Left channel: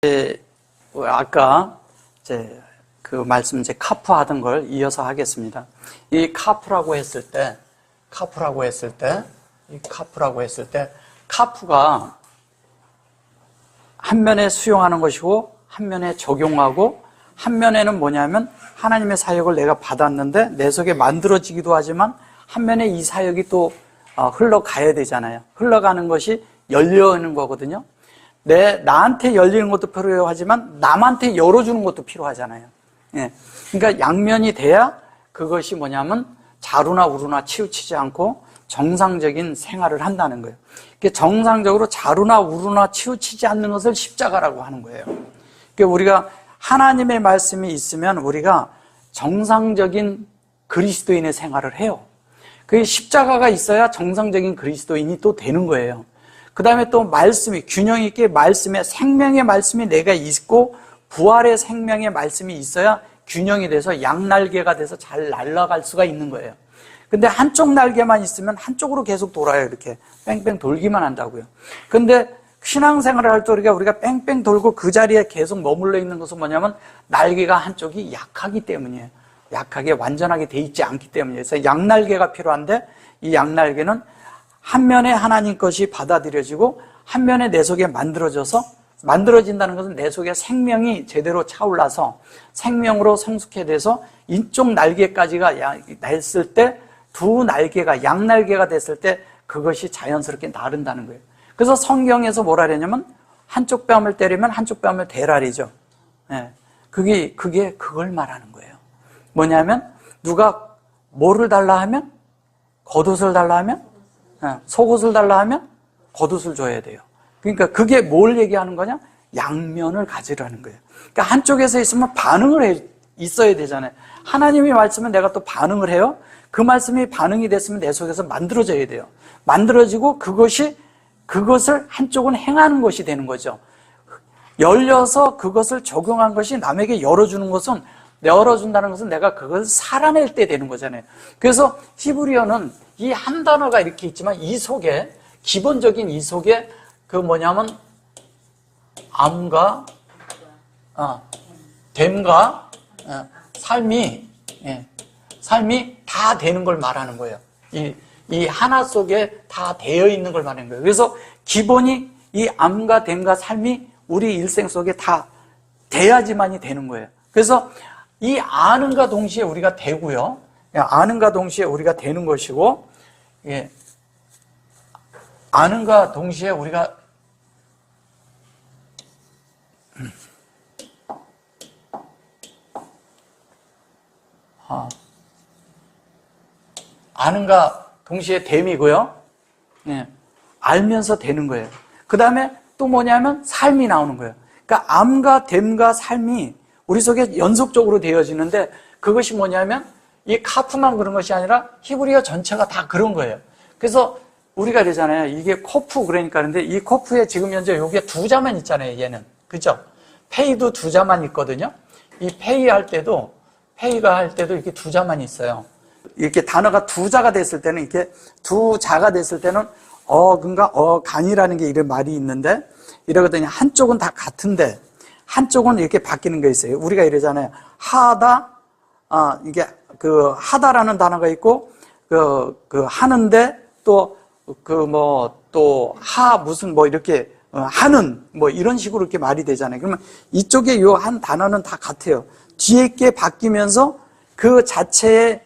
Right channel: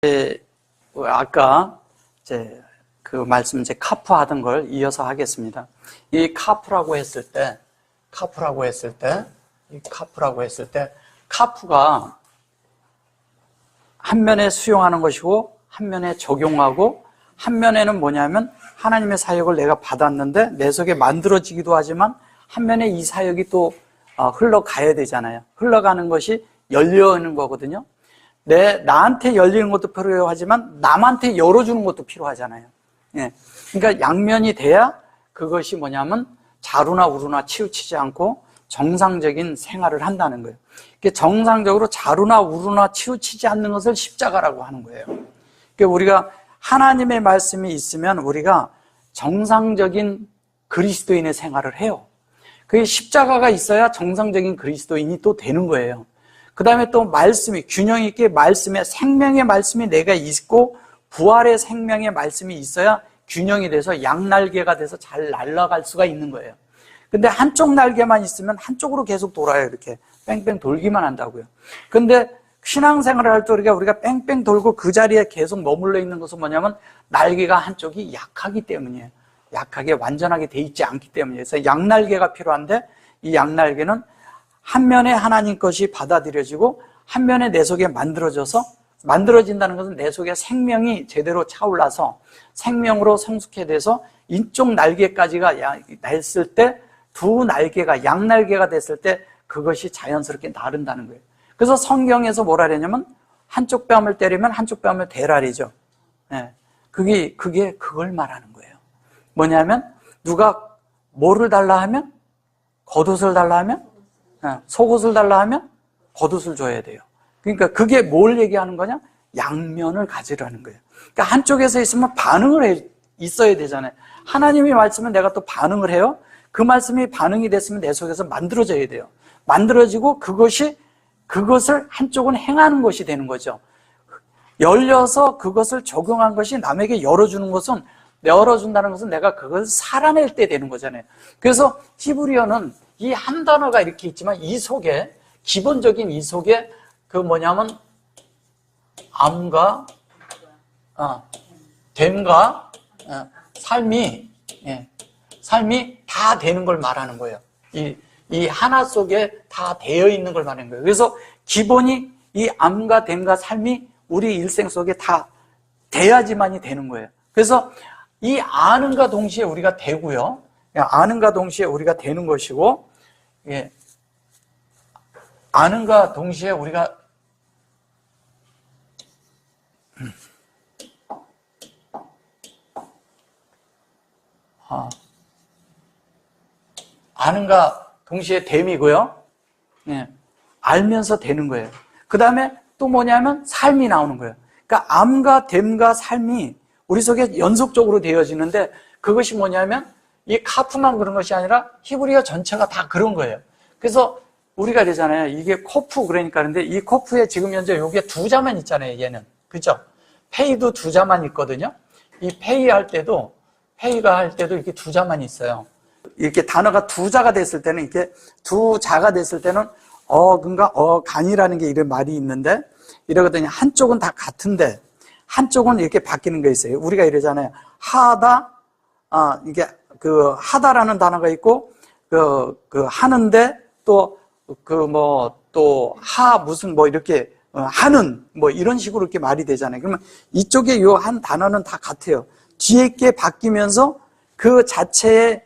아까 이제 그 말씀 이제 카프 하던 걸 이어서 하겠습니다. 이 카프라고 했을 때, 카프가 한 면에 수용하는 것이고 한 면에 적용하고, 한 면에는 뭐냐면 하나님의 사역을 내가 받았는데 내 속에 만들어지기도 하지만 한 면에 이 사역이 또 흘러가야 되잖아요. 흘러가는 것이 열려있는 거거든요. 나한테 열리는 것도 필요하지만 남한테 열어주는 것도 필요하잖아요. 예. 그러니까 양면이 돼야 그것이 뭐냐면 자루나 우루나 치우치지 않고 정상적인 생활을 한다는 거예요. 정상적으로 자루나 우루나 치우치지 않는 것을 십자가라고 하는 거예요. 그러니까 우리가 하나님의 말씀이 있으면 우리가 정상적인 그리스도인의 생활을 해요. 그 십자가가 있어야 정상적인 그리스도인이 또 되는 거예요. 그 다음에 또 말씀이, 균형 있게 말씀에, 생명의 말씀이 내가 있고 부활의 생명의 말씀이 있어야 균형이 돼서 양날개가 돼서 잘 날아갈 수가 있는 거예요. 근데 한쪽 날개만 있으면 한쪽으로 계속 돌아요. 이렇게 뺑뺑 돌기만 한다고요. 근데 신앙생활을 할 때 우리가 뺑뺑 돌고 그 자리에 계속 머물러 있는 것은 뭐냐면 날개가 한쪽이 약하기 때문이에요. 약하게 완전하게 돼 있지 않기 때문이에요. 그래서 양날개가 필요한데 이 양날개는 한 면에 하나님 것이 받아들여지고 한 면에 내 속에 만들어진다는 것은 내 속에 생명이 제대로 차올라서 생명으로 성숙해 돼서 이쪽 날개까지가 됐을 때 두 날개가 양날개가 됐을 때 그것이 자연스럽게 나른다는 거예요. 그래서 성경에서 뭐라 그러냐면 한쪽 뺨을 때리면 한쪽 뺨을 대라리죠. 예. 그걸 말하는 거예요. 뭐냐면 누가 뭐를 달라 하면 겉옷을 달라 하면 속옷을 달라 하면 겉옷을 줘야 돼요. 그러니까 그게 뭘 얘기하는 거냐? 양면을 가지라는 거예요. 그러니까 한쪽에서 있으면 반응을 있어야 되잖아요. 하나님이 말씀은 내가 또 반응을 해요. 그 말씀이 반응이 됐으면 내 속에서 만들어져야 돼요. 만들어지고 그것을 한쪽은 행하는 것이 되는 거죠. 열려서 그것을 적용한 것이 남에게 열어준다는 것은 내가 그걸 살아낼 때 되는 거잖아요. 그래서 히브리어는 이 한 단어가 이렇게 있지만 이 속에, 기본적인 이 속에 암과 됨과 삶이 다 되는 걸 말하는 거예요. 이 하나 속에 다 되어 있는 걸 말하는 거예요. 그래서 기본이 이 암과 됨과 삶이 우리 일생 속에 다 돼야지만이 되는 거예요. 그래서 이 아는과 동시에 우리가 되고요. 아는과 동시에 우리가 되는 것이고, 예. 아는과 동시에 우리가 아는과 동시에 됨이고요. 예. 알면서 되는 거예요. 그 다음에 또 뭐냐면 삶이 나오는 거예요. 그러니까 암과 됨과 삶이 우리 속에 연속적으로 되어지는데 그것이 뭐냐면 이 카프만 그런 것이 아니라 히브리어 전체가 다 그런 거예요. 그래서 우리가 그러잖아요. 이게 코프 그러니까. 근데 이 코프에 지금 현재 여기에 두 자만 있잖아요. 얘는. 그죠? 페이도 두 자만 있거든요. 이 페이가 할 때도 이렇게 두 자만 있어요. 이렇게 단어가 두 자가 됐을 때는, 이렇게 두 자가 됐을 때는 간이라는 게 이런 말이 있는데, 이러거든요. 한쪽은 다 같은데 한쪽은 이렇게 바뀌는 게 있어요. 우리가 이러잖아요. 이게 하다라는 단어가 있고, 하는데 이렇게 하는 이런 식으로 이렇게 말이 되잖아요. 그러면 이쪽에 요 한 단어는 다 같아요. 뒤에 게 바뀌면서 그 자체의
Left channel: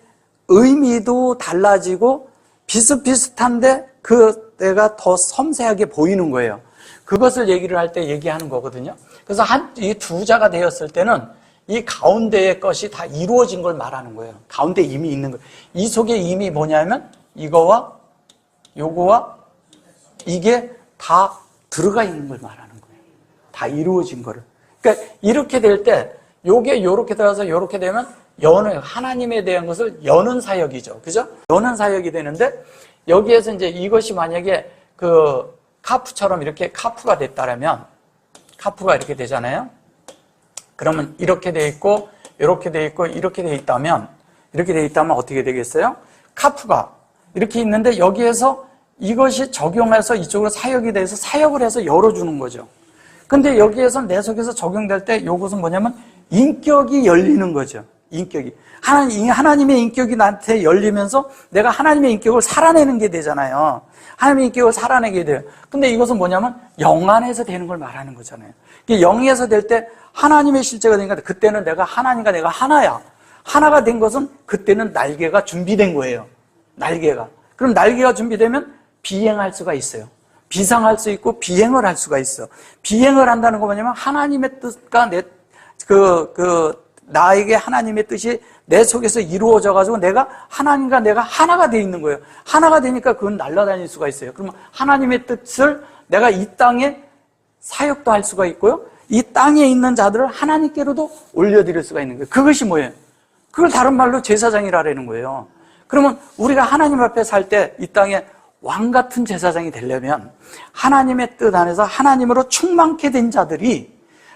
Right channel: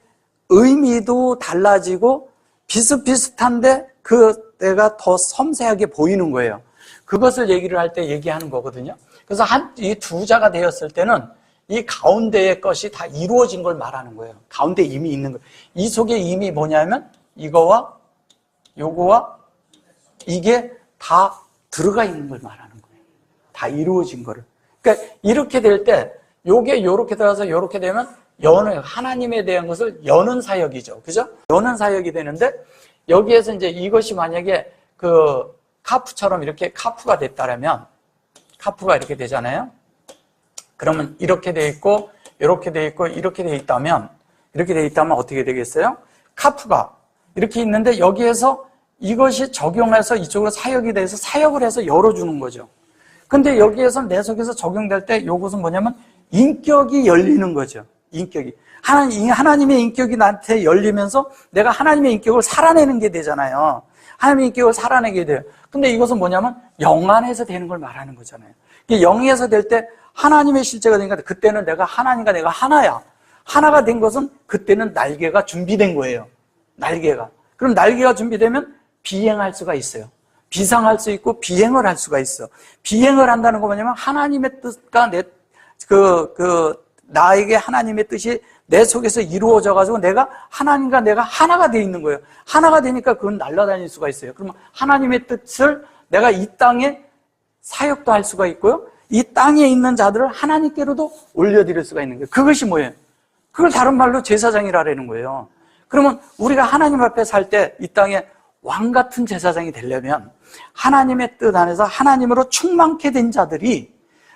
의미도 달라지고 비슷비슷한데 그때가 더 섬세하게 보이는 거예요. 그것을 얘기를 할 때 얘기하는 거거든요. 그래서 이 두 자가 되었을 때는 이 가운데의 것이 다 이루어진 걸 말하는 거예요. 가운데 이미 있는 거예요. 이 속에 이미 뭐냐면 이거와 요거와 이게 다 들어가 있는 걸 말하는 거예요. 다 이루어진 거를. 그러니까 이렇게 될 때 요게 요렇게 들어가서 요렇게 되면 하나님에 대한 것을 여는 사역이죠. 그죠? 여는 사역이 되는데 여기에서 이제 이것이 만약에 카프처럼 이렇게 카프가 됐다면, 카프가 이렇게 되잖아요. 그러면 이렇게 돼 있고, 이렇게 돼 있고, 이렇게 돼 있다면 어떻게 되겠어요? 카프가 이렇게 있는데 여기에서 이것이 적용해서 이쪽으로 사역이 돼서 사역을 해서 열어주는 거죠. 근데 여기에서 내 속에서 적용될 때 이것은 뭐냐면 인격이 열리는 거죠. 인격이. 하나님의 인격이 나한테 열리면서 내가 하나님의 인격을 살아내는 게 되잖아요. 하나님의 인격을 살아내게 돼요. 근데 이것은 뭐냐면 영 안에서 되는 걸 말하는 거잖아요. 영에서 될 때 하나님의 실제가 되니까 그때는 내가 하나님과 내가 하나야. 하나가 된 것은 그때는 날개가 준비된 거예요. 날개가. 그럼 날개가 준비되면 비행할 수가 있어요. 비상할 수 있고 비행을 할 수가 있어. 비행을 한다는 거 뭐냐면 하나님의 뜻과 나에게 하나님의 뜻이 내 속에서 이루어져 가지고 내가 하나님과 내가 하나가 돼 있는 거예요. 하나가 되니까 그건 날아다닐 수가 있어요. 그러면 하나님의 뜻을 내가 이 땅에 사역도 할 수가 있고요. 이 땅에 있는 자들을 하나님께로도 올려드릴 수가 있는 거예요. 그것이 뭐예요? 그걸 다른 말로 제사장이라는 거예요. 그러면 우리가 하나님 앞에 살 때 이 땅에 왕 같은 제사장이 되려면 하나님의 뜻 안에서 하나님으로 충만케 된 자들이,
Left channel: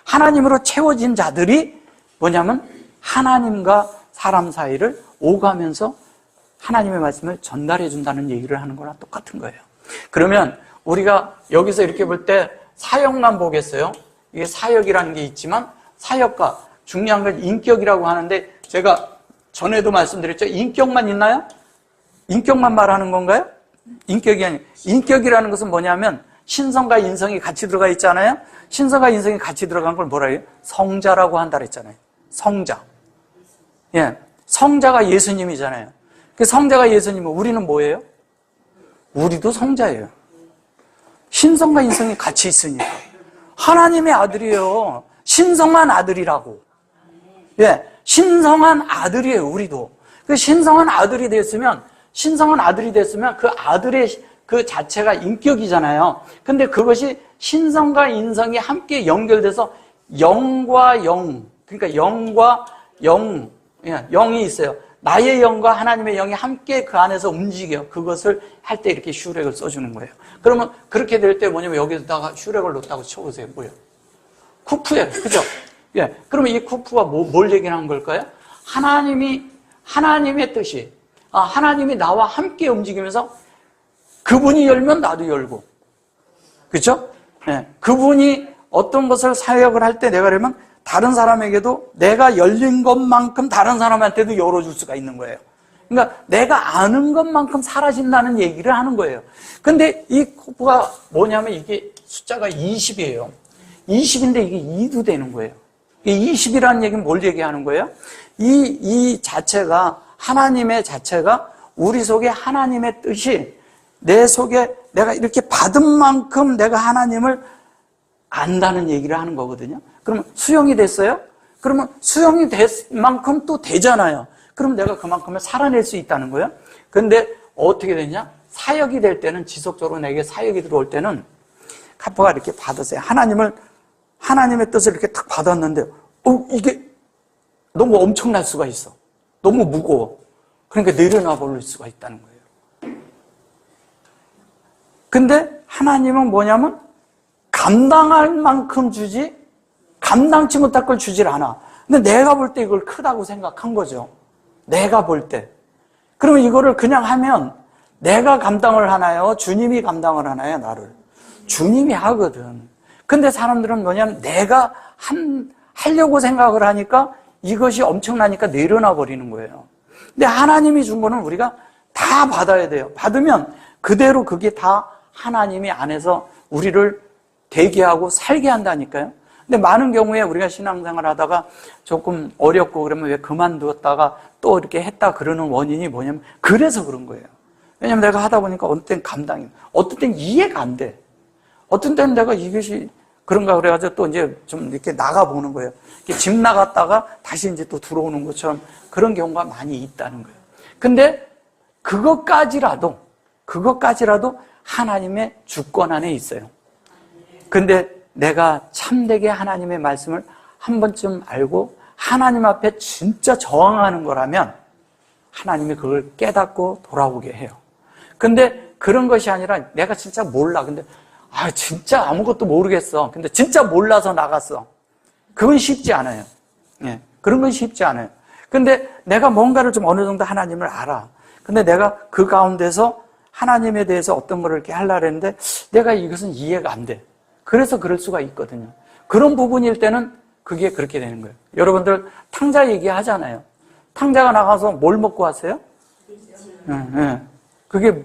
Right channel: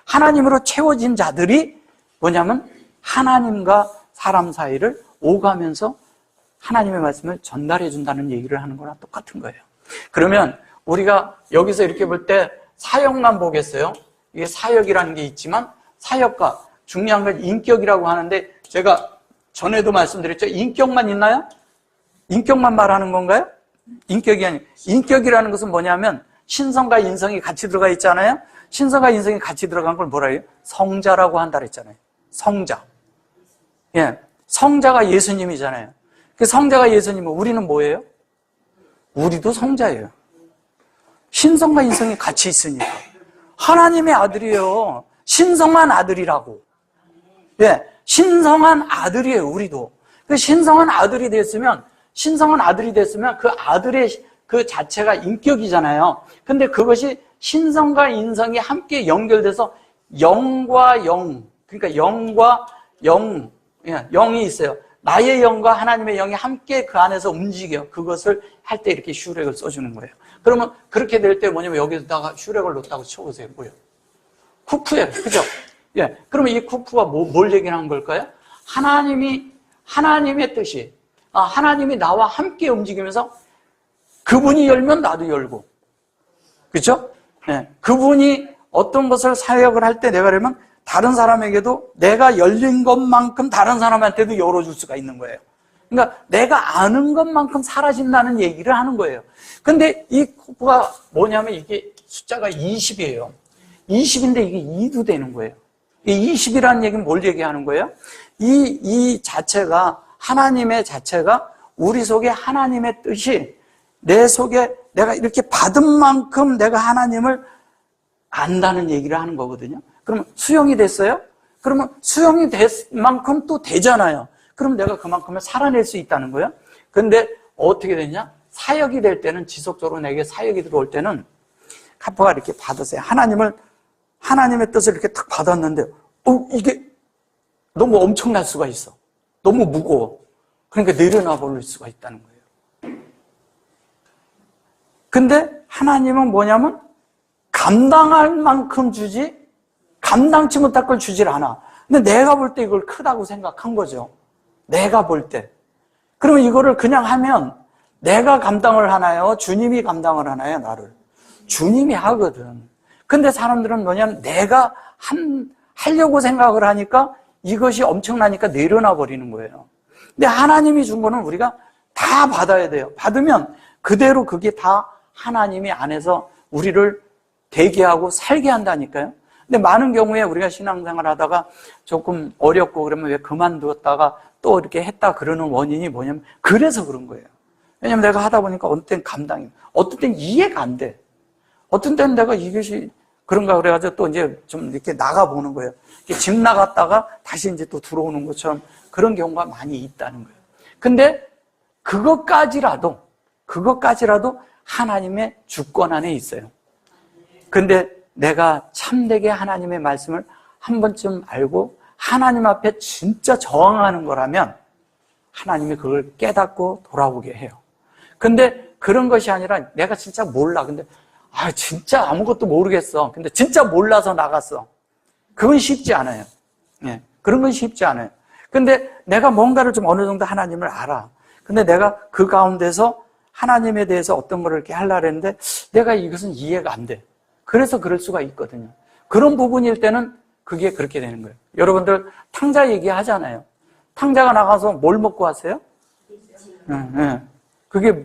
하나님으로 채워진 자들이 뭐냐면 하나님과 사람 사이를 오가면서 하나님의 말씀을 전달해 준다는 얘기를 하는 거랑 똑같은 거예요. 그러면 우리가 여기서 이렇게 볼 때 사역만 보겠어요? 이게 사역이라는 게 있지만 사역과 중요한 건 인격이라고 하는데 제가 전에도 말씀드렸죠? 인격만 있나요? 인격만 말하는 건가요? 인격이 아니에요. 인격이라는 것은 뭐냐면 신성과 인성이 같이 들어가 있잖아요? 신성과 인성이 같이 들어간 걸 뭐라 해요? 성자라고 한다 그랬잖아요. 성자. 예. 성자가 예수님이잖아요. 그 성자가 예수님은 우리는 뭐예요? 우리도 성자예요. 신성과 인성이 같이 있으니까. 하나님의 아들이에요. 신성한 아들이라고. 예. 신성한 아들이에요, 우리도. 그 신성한 아들이 됐으면 그 아들의 그 자체가 인격이잖아요. 근데 그것이 신성과 인성이 함께 연결돼서 영과 영, 그러니까 영과 영, 영이 있어요. 나의 영과 하나님의 영이 함께 그 안에서 움직여. 그것을 할 때 이렇게 슈렉을 써주는 거예요. 그러면 그렇게 될 때 뭐냐면 여기다가 슈렉을 넣었다고 쳐보세요. 뭐예요? 쿠프예요. 그죠? 예. 그러면 이 쿠프가 뭘 얘기하는 걸까요? 하나님의 뜻이, 하나님이 나와 함께 움직이면서 그분이 열면 나도 열고. 그죠? 예. 그분이 어떤 것을 사역을 할 때 내가 그러면 다른 사람에게도 내가 열린 것만큼 다른 사람한테도 열어줄 수가 있는 거예요. 그러니까 내가 아는 것만큼 사라진다는 얘기를 하는 거예요. 근데 이 쿠프가 뭐냐면 이게 숫자가 20이에요. 20인데 이게 2도 되는 거예요. 이 20이라는 얘기는 뭘 얘기하는 거예요? 이 자체가, 하나님의 자체가 우리 속에 하나님의 뜻이 내 속에 내가 이렇게 받은 만큼 내가 하나님을 안다는 얘기를 하는 거거든요. 그러면 수용이 됐어요? 그러면 수용이 된 만큼 또 되잖아요. 그럼 내가 그만큼을 살아낼 수 있다는 거예요. 근데 어떻게 되냐? 사역이 될 때는, 지속적으로 내게 사역이 들어올 때는 카퍼가 이렇게 받았어요. 하나님의 뜻을 이렇게 탁 받았는데 이게 너무 엄청날 수가 있어. 너무 무거워. 그러니까 내려놔 버릴 수가 있다는 거예요. 근데 하나님은 뭐냐면 감당할 만큼 주지 감당치 못할 걸 주질 않아. 근데 내가 볼 때 이걸 크다고 생각한 거죠. 내가 볼 때. 그러면 이거를 그냥 하면 내가 감당을 하나요? 주님이 감당을 하나요? 나를? 주님이 하거든. 근데 사람들은 뭐냐면 내가 하려고 생각을 하니까 이것이 엄청나니까 내려놔 버리는 거예요. 근데 하나님이 준 거는 우리가 다 받아야 돼요. 받으면 그대로 그게 다 하나님이 안에서 우리를 되게 하고 살게 한다니까요. 근데 많은 경우에 우리가 신앙생활 하다가 조금 어렵고 그러면 왜 그만두었다가 또 이렇게 했다 그러는 원인이 뭐냐면 그래서 그런 거예요. 왜냐면 내가 하다 보니까 어떤 때는 감당이, 어떤 때는 이해가 안 돼. 어떤 때는 내가 이것이 그런가 그래가지고 또 이제 좀 이렇게 나가보는 거예요. 이렇게 집 나갔다가 다시 이제 또 들어오는 것처럼 그런 경우가 많이 있다는 거예요. 근데 그것까지라도 하나님의 주권 안에 있어요. 근데 내가 참되게 하나님의 말씀을 한 번쯤 알고 하나님 앞에 진짜 저항하는 거라면 하나님이 그걸 깨닫고 돌아오게 해요. 근데 그런 것이 아니라 내가 진짜 몰라. 근데 진짜 아무것도 모르겠어. 근데 진짜 몰라서 나갔어. 그건 쉽지 않아요. 네, 그런 건 쉽지 않아요. 근데 내가 뭔가를 좀 어느 정도 하나님을 알아. 근데 내가 그 가운데서 하나님에 대해서 어떤 걸 이렇게 하려고 했는데 내가 이것은 이해가 안 돼. 그래서 그럴 수가 있거든요. 그런 부분일 때는 그게 그렇게 되는 거예요. 여러분들 탕자 얘기하잖아요. 탕자가 나가서 뭘 먹고 왔어요? 그게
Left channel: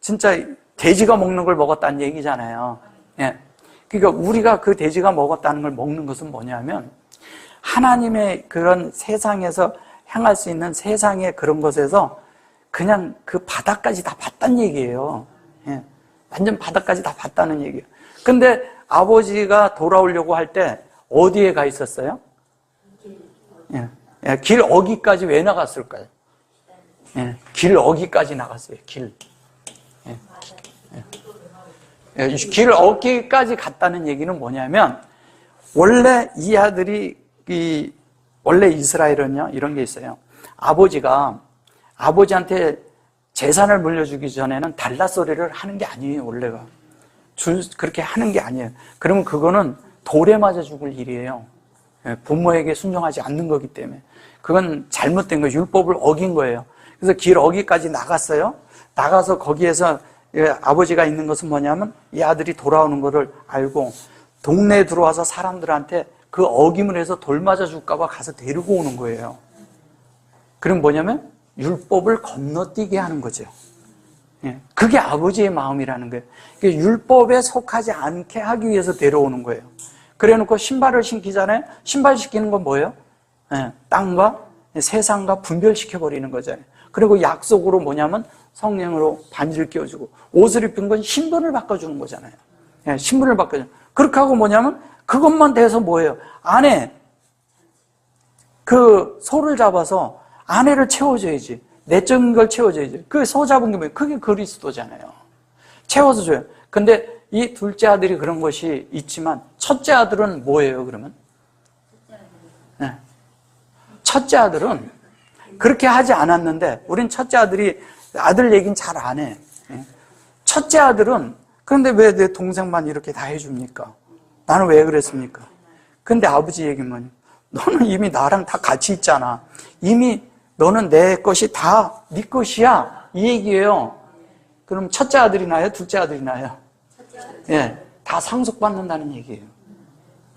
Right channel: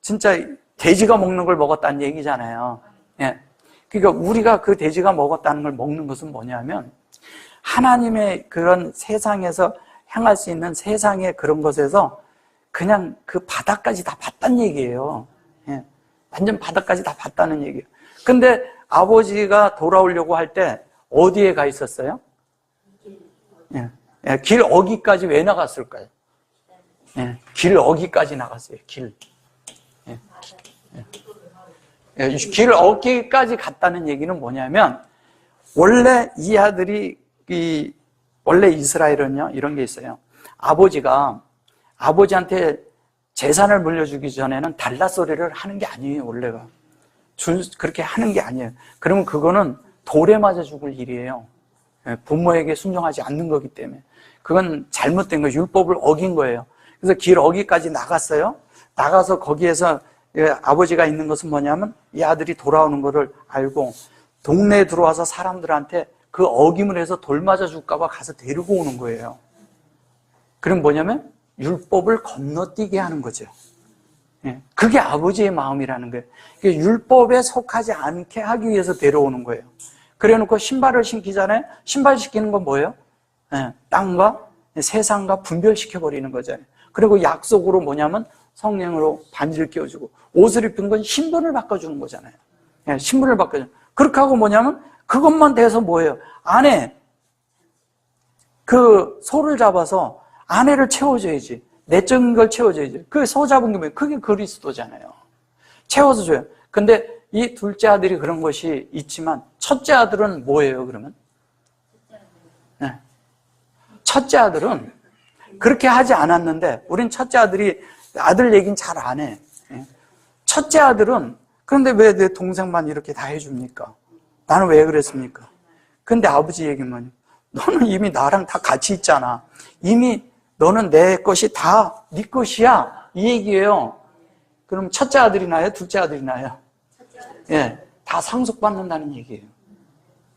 진짜 돼지가 먹는 걸 먹었다는 얘기잖아요. 예. 그러니까 우리가 그 돼지가 먹었다는 걸 먹는 것은 뭐냐면 하나님의 그런 세상에서 향할 수 있는 세상의 그런 것에서 그냥 그 바닥까지 다 봤다는 얘기예요. 예. 완전 바닥까지 다 봤다는 얘기예요. 근데 아버지가 돌아오려고 할 때 어디에 가 있었어요? 예. 예. 길 어기까지 왜 나갔을까요? 예. 길 어기까지 나갔어요. 길. 예. 예. 길 어기까지 갔다는 얘기는 뭐냐면 원래 이 아들이 원래 이스라엘은요 이런 게 있어요. 아버지한테 재산을 물려주기 전에는 달라소리를 하는 게 아니에요. 원래가 그렇게 하는 게 아니에요. 그러면 그거는 돌에 맞아 죽을 일이에요. 부모에게 순종하지 않는 거기 때문에 그건 잘못된 거예요. 율법을 어긴 거예요. 그래서 길 어기까지 나갔어요. 나가서 거기에서 아버지가 있는 것은 뭐냐면 이 아들이 돌아오는 거를 알고 동네에 들어와서 사람들한테 그 어김을 해서 돌 맞아 줄까 봐 가서 데리고 오는 거예요. 그럼 뭐냐면 율법을 건너뛰게 하는 거죠. 그게 아버지의 마음이라는 거예요. 율법에 속하지 않게 하기 위해서 데려오는 거예요. 그래놓고 신발을 신기잖아요. 신발 신기는 건 뭐예요? 땅과 세상과 분별시켜버리는 거잖아요. 그리고 약속으로 뭐냐면 성령으로 반지를 끼워주고 옷을 입힌 건 신분을 바꿔주는 거잖아요. 신분을 바꿔주는. 그렇게 하고 뭐냐면 그것만 돼서 뭐예요? 안에 그 소를 잡아서 아내를 채워줘야지. 내적인 걸 채워줘야지. 그 소 잡은 게 뭐예요? 그게 그리스도잖아요. 채워서 줘요. 근데 이 둘째 아들이 그런 것이 있지만 첫째 아들은 뭐예요, 그러면? 네. 첫째 아들은 그렇게 하지 않았는데 우린 첫째 아들이 아들 얘기는 잘 안 해. 첫째 아들은 그런데 왜 내 동생만 이렇게 다 해줍니까? 나는 왜 그랬습니까? 근데 아버지 얘기만 너는 이미 나랑 다 같이 있잖아. 이미 너는 내 것이 다 네 것이야. 이 얘기예요. 그럼 첫째 아들이 나요? 둘째 아들이 나요? 예, 다 상속받는다는 얘기예요.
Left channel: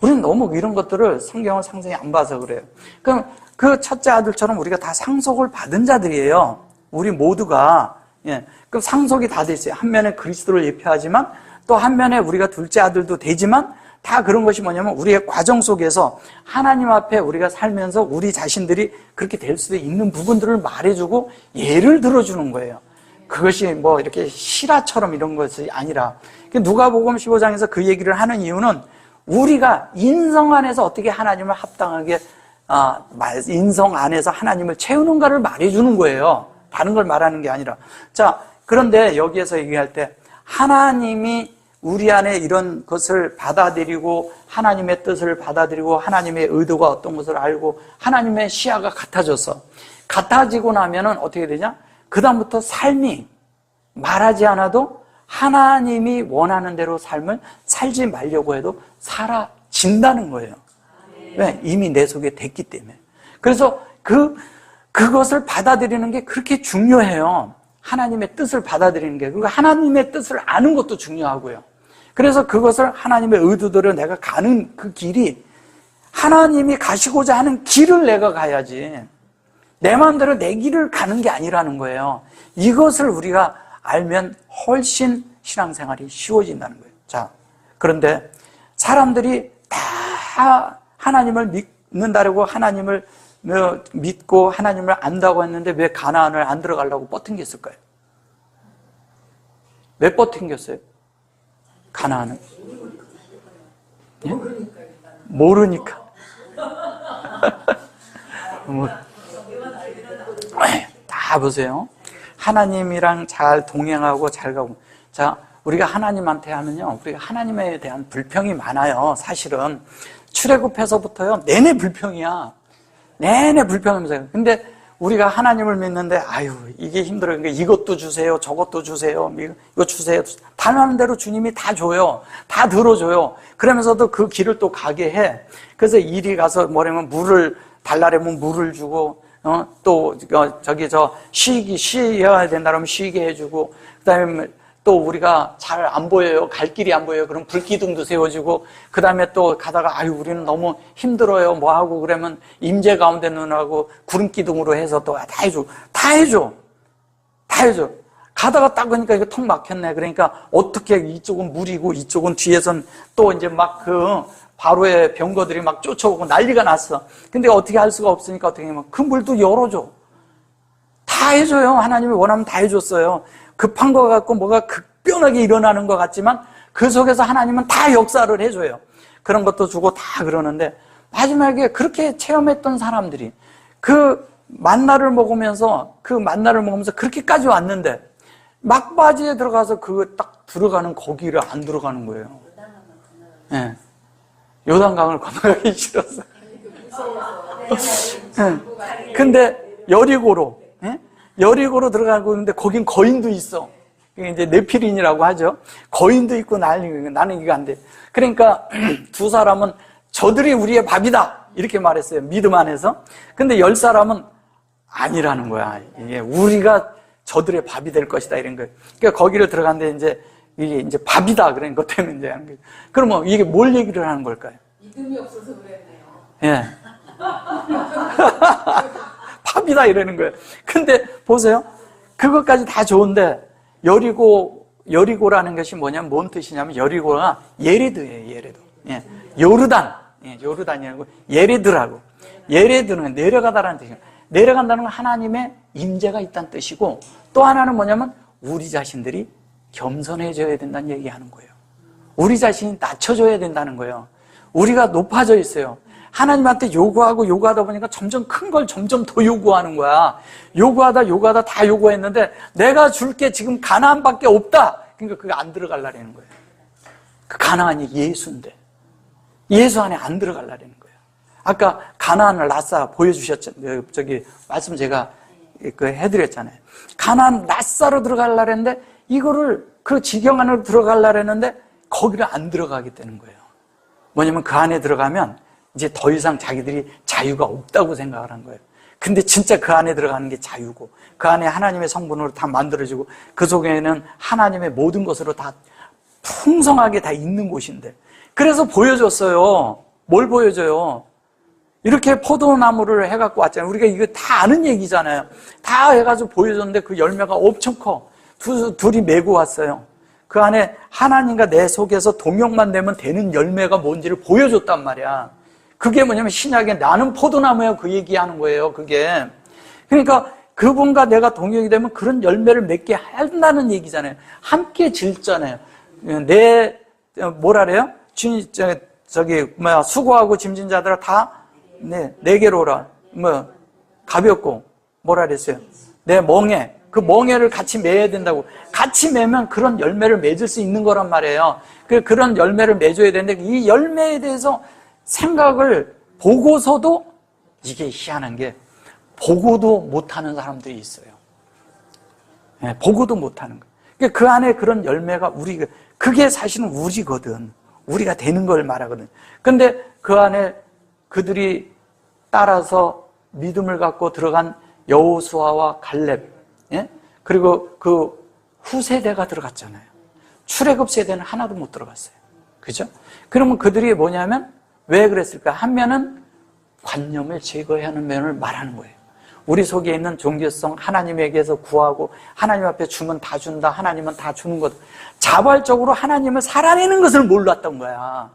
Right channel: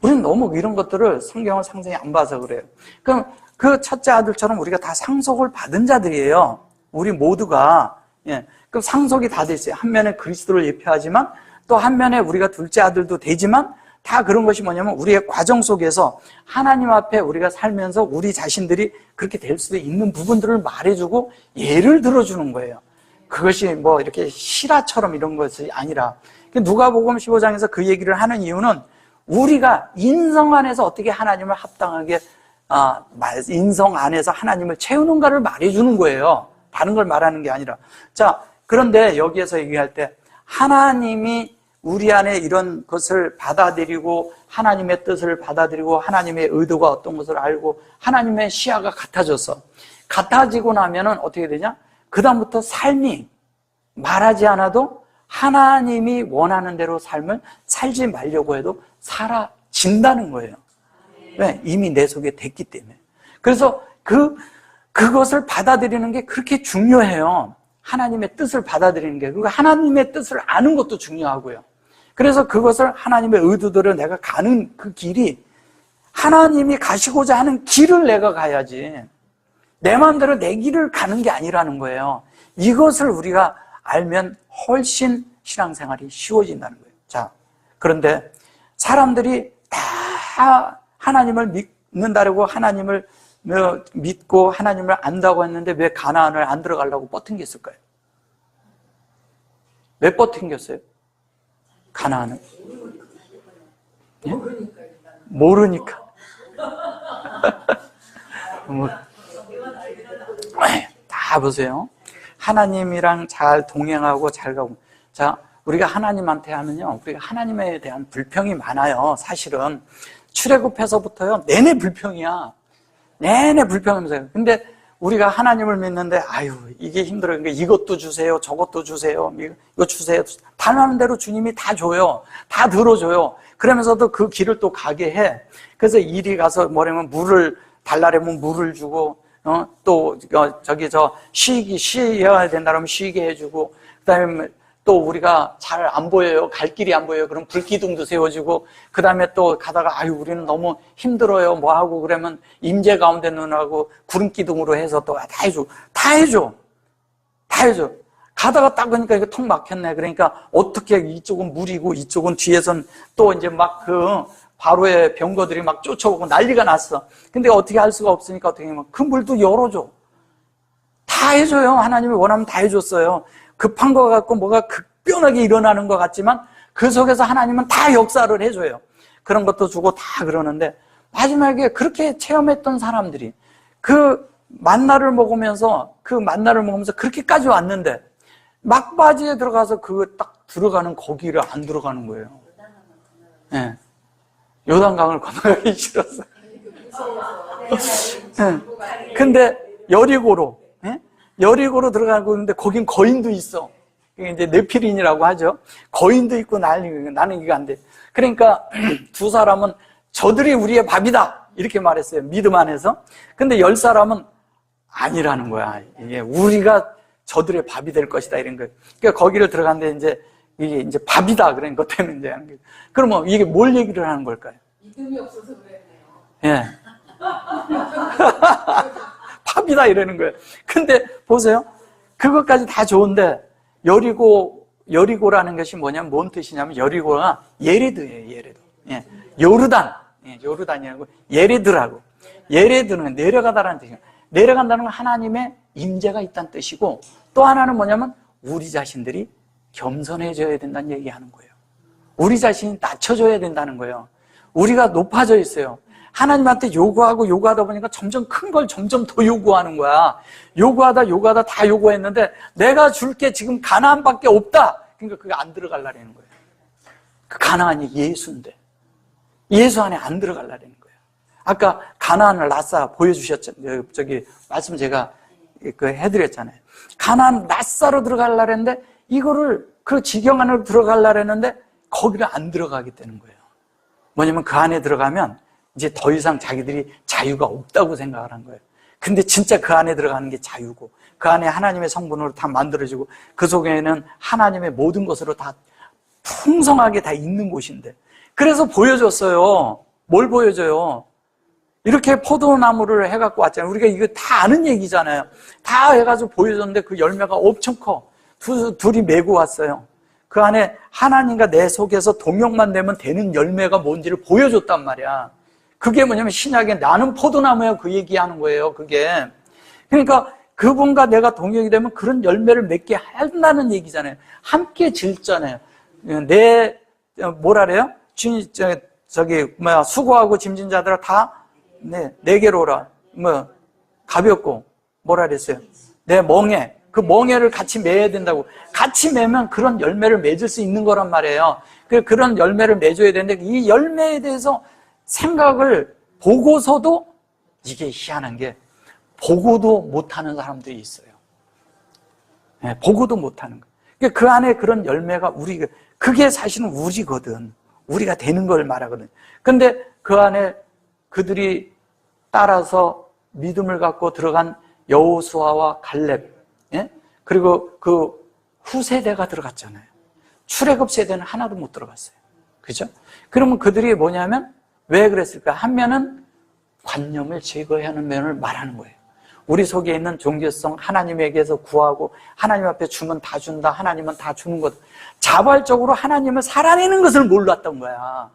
우리는 너무 이런 것들을 성경을 상세히 안 봐서 그래요. 그럼 그 첫째 아들처럼 우리가 다 상속을 받은 자들이에요. 우리 모두가. 예, 그 상속이 다 돼 있어요. 한 면에 그리스도를 예표하지만 또 한 면에 우리가 둘째 아들도 되지만 다 그런 것이 뭐냐면 우리의 과정 속에서 하나님 앞에 우리가 살면서 우리 자신들이 그렇게 될 수도 있는 부분들을 말해주고 예를 들어주는 거예요. 그것이 뭐 이렇게 실화처럼 이런 것이 아니라 누가복음 15장에서 그 얘기를 하는 이유는 우리가 인성 안에서 어떻게 하나님을 합당하게 인성 안에서 하나님을 채우는가를 말해주는 거예요. 다른 걸 말하는 게 아니라. 자, 그런데 여기에서 얘기할 때 하나님이 우리 안에 이런 것을 받아들이고 하나님의 뜻을 받아들이고 하나님의 의도가 어떤 것을 알고 하나님의 시야가 같아져서 같아지고 나면은 어떻게 되냐? 그 다음부터 삶이 말하지 않아도 하나님이 원하는 대로 삶을 살지 말려고 해도 사라진다는 거예요. 왜? 이미 내 속에 됐기 때문에. 그래서 그것을 받아들이는 게 그렇게 중요해요. 하나님의 뜻을 받아들이는 게. 그리고 하나님의 뜻을 아는 것도 중요하고요. 그래서 그것을 하나님의 의도대로 내가 가는 그 길이 하나님이 가시고자 하는 길을 내가 가야지 내 마음대로 내 길을 가는 게 아니라는 거예요. 이것을 우리가 알면 훨씬 신앙생활이 쉬워진다는 거예요. 자, 그런데 사람들이 다 하나님을 믿는다고 하나님을 믿고 하나님을 안다고 했는데 왜 가나안을 안 들어가려고 뻗팅겼을까요? 왜 뻗팅겼어요? 가나안은? 예? 모르니까. 다 보세요. 하나님이랑 잘 동행하고 잘 가고. 자, 우리가 하나님한테 하면요, 우리가 하나님에 대한 불평이 많아요. 사실은 출애굽해서부터요 내내 불평이야. 내내 불평하면서요. 근데 우리가 하나님을 믿는데 아유 이게 힘들어요. 그러니까 이것도 주세요, 저것도 주세요, 이거 주세요. 달라는 대로 주님이 다 줘요, 다 들어줘요. 그러면서도 그 길을 또 가게 해. 그래서 이리 가서 뭐냐면 물을 달라면 물을 주고, 또 쉬어야 된다 그러면 쉬게 해주고, 그다음에 또 우리가 잘 안 보여요. 갈 길이 안 보여요. 그럼 불기둥도 세워주고, 그 다음에 또 가다가, 아유, 우리는 너무 힘들어요. 뭐 하고, 그러면 임재 가운데 넣으라고 구름기둥으로 해서 또 다 해줘. 다 해줘. 다 해줘. 가다가 딱 보니까 이거 턱 막혔네. 그러니까 어떻게 이쪽은 물이고 이쪽은 뒤에선 또 이제 막 그 바로의 병거들이 막 쫓아오고 난리가 났어. 근데 어떻게 할 수가 없으니까 어떻게 하면 그 물도 열어줘. 다 해줘요. 하나님이 원하면 다 해줬어요. 급한 거 같고 뭐가 급변하게 일어나는 것 같지만 그 속에서 하나님은 다 역사를 해줘요. 그런 것도 주고 다 그러는데 마지막에 그렇게 체험했던 사람들이 그 만나를 먹으면서 그렇게까지 왔는데 막바지에 들어가서 그 딱 들어가는 거기를 안 들어가는 거예요. 네. 요단강을 건너가기 싫었어요. 네. 근데 여리고로 들어가고 있는데 거긴 거인도 있어. 이제 네피린이라고 하죠. 거인도 있고 나는 이게 안 돼. 그러니까 두 사람은 저들이 우리의 밥이다 이렇게 말했어요. 믿음 안에서. 근데 10사람은 아니라는 거야. 이게 우리가 저들의 밥이 될 것이다 이런 거예요. 그러니까 거기를 들어갔는데 이게 이제 밥이다 그런 것 때문에 이제 하는 거예요. 그러면 이게 뭘 얘기를 하는 걸까요? 믿음이 없어서 그랬네요. 예. 밥이다 이러는 거예요. 근데 보세요. 그것까지 다 좋은데 여리고라는 것이 뭐냐면 뭔 뜻이냐면 여리고가 예레드예요. 예레드. 예. 요르단. 예. 요르단이라고 예레드라고. 예레드는 내려가다라는 뜻이에요. 내려간다는 건 하나님의 임재가 있다는 뜻이고 또 하나는 뭐냐면 우리 자신들이 겸손해져야 된다는 얘기하는 거예요. 우리 자신이 낮춰져야 된다는 거예요. 우리가 높아져 있어요. 하나님한테 요구하다 보니까 점점 큰 걸 점점 더 요구하는 거야. 요구하다 다 요구했는데 내가 줄게 지금 가나안밖에 없다. 그러니까 그게 안 들어가려는 거예요. 그 가나안이 예수인데 예수 안에 안 들어가려는 거예요. 아까 가나안을 낯사 보여주셨죠. 저기 말씀 제가 해드렸잖아요. 가나안 낯사로 들어가려고 했는데 이거를 그 지경 안으로 들어가려고 했는데 거기를 안 들어가게 되는 거예요. 뭐냐면 그 안에 들어가면 이제 더 이상 자기들이 자유가 없다고 생각을 한 거예요. 근데 진짜 그 안에 들어가는 게 자유고 그 안에 하나님의 성분으로 다 만들어지고 그 속에는 하나님의 모든 것으로 다 풍성하게 다 있는 곳인데 그래서 보여줬어요. 뭘 보여줘요? 이렇게 포도나무를 해갖고 왔잖아요. 우리가 이거 다 아는 얘기잖아요. 다 해가지고 보여줬는데 그 열매가 엄청 커. 둘이 메고 왔어요. 그 안에 하나님과 내 속에서 동역만 되면 되는 열매가 뭔지를 보여줬단 말이야. 그게 뭐냐면 신약에 나는 포도나무예요. 그 얘기하는 거예요. 그게. 그러니까 그분과 내가 동역이 되면 그런 열매를 맺게 한다는 얘기잖아요. 함께 질잖아요. 뭐라 그래요? 수고하고 짐진 자들아 다 내게로 오라. 가볍고 뭐라 그랬어요? 내 멍에. 그 멍에를 같이 매야 된다고. 같이 매면 그런 열매를 맺을 수 있는 거란 말이에요. 그런 열매를 맺어야 되는데 이 열매에 대해서 생각을 보고서도 이게 희한한 게 보고도 못하는 사람들이 있어요. 네, 보고도 못하는 거예요. 그 안에 그런 열매가 그게 사실은 우리거든. 우리가 되는 걸 말하거든. 근데 그 안에 그들이 따라서 믿음을 갖고 들어간 여호수아와 갈렙, 예? 그리고 그 후세대가 들어갔잖아요. 출애굽 세대는 하나도 못 들어갔어요. 그죠? 그러면 그들이 뭐냐면 왜 그랬을까? 한 면은 관념을 제거해야 하는 면을 말하는 거예요. 우리 속에 있는 종교성, 하나님에게서 구하고 하나님 앞에 주면 다 준다, 하나님은 다 주는 것. 자발적으로 하나님을 살아내는 것을 몰랐던 거야.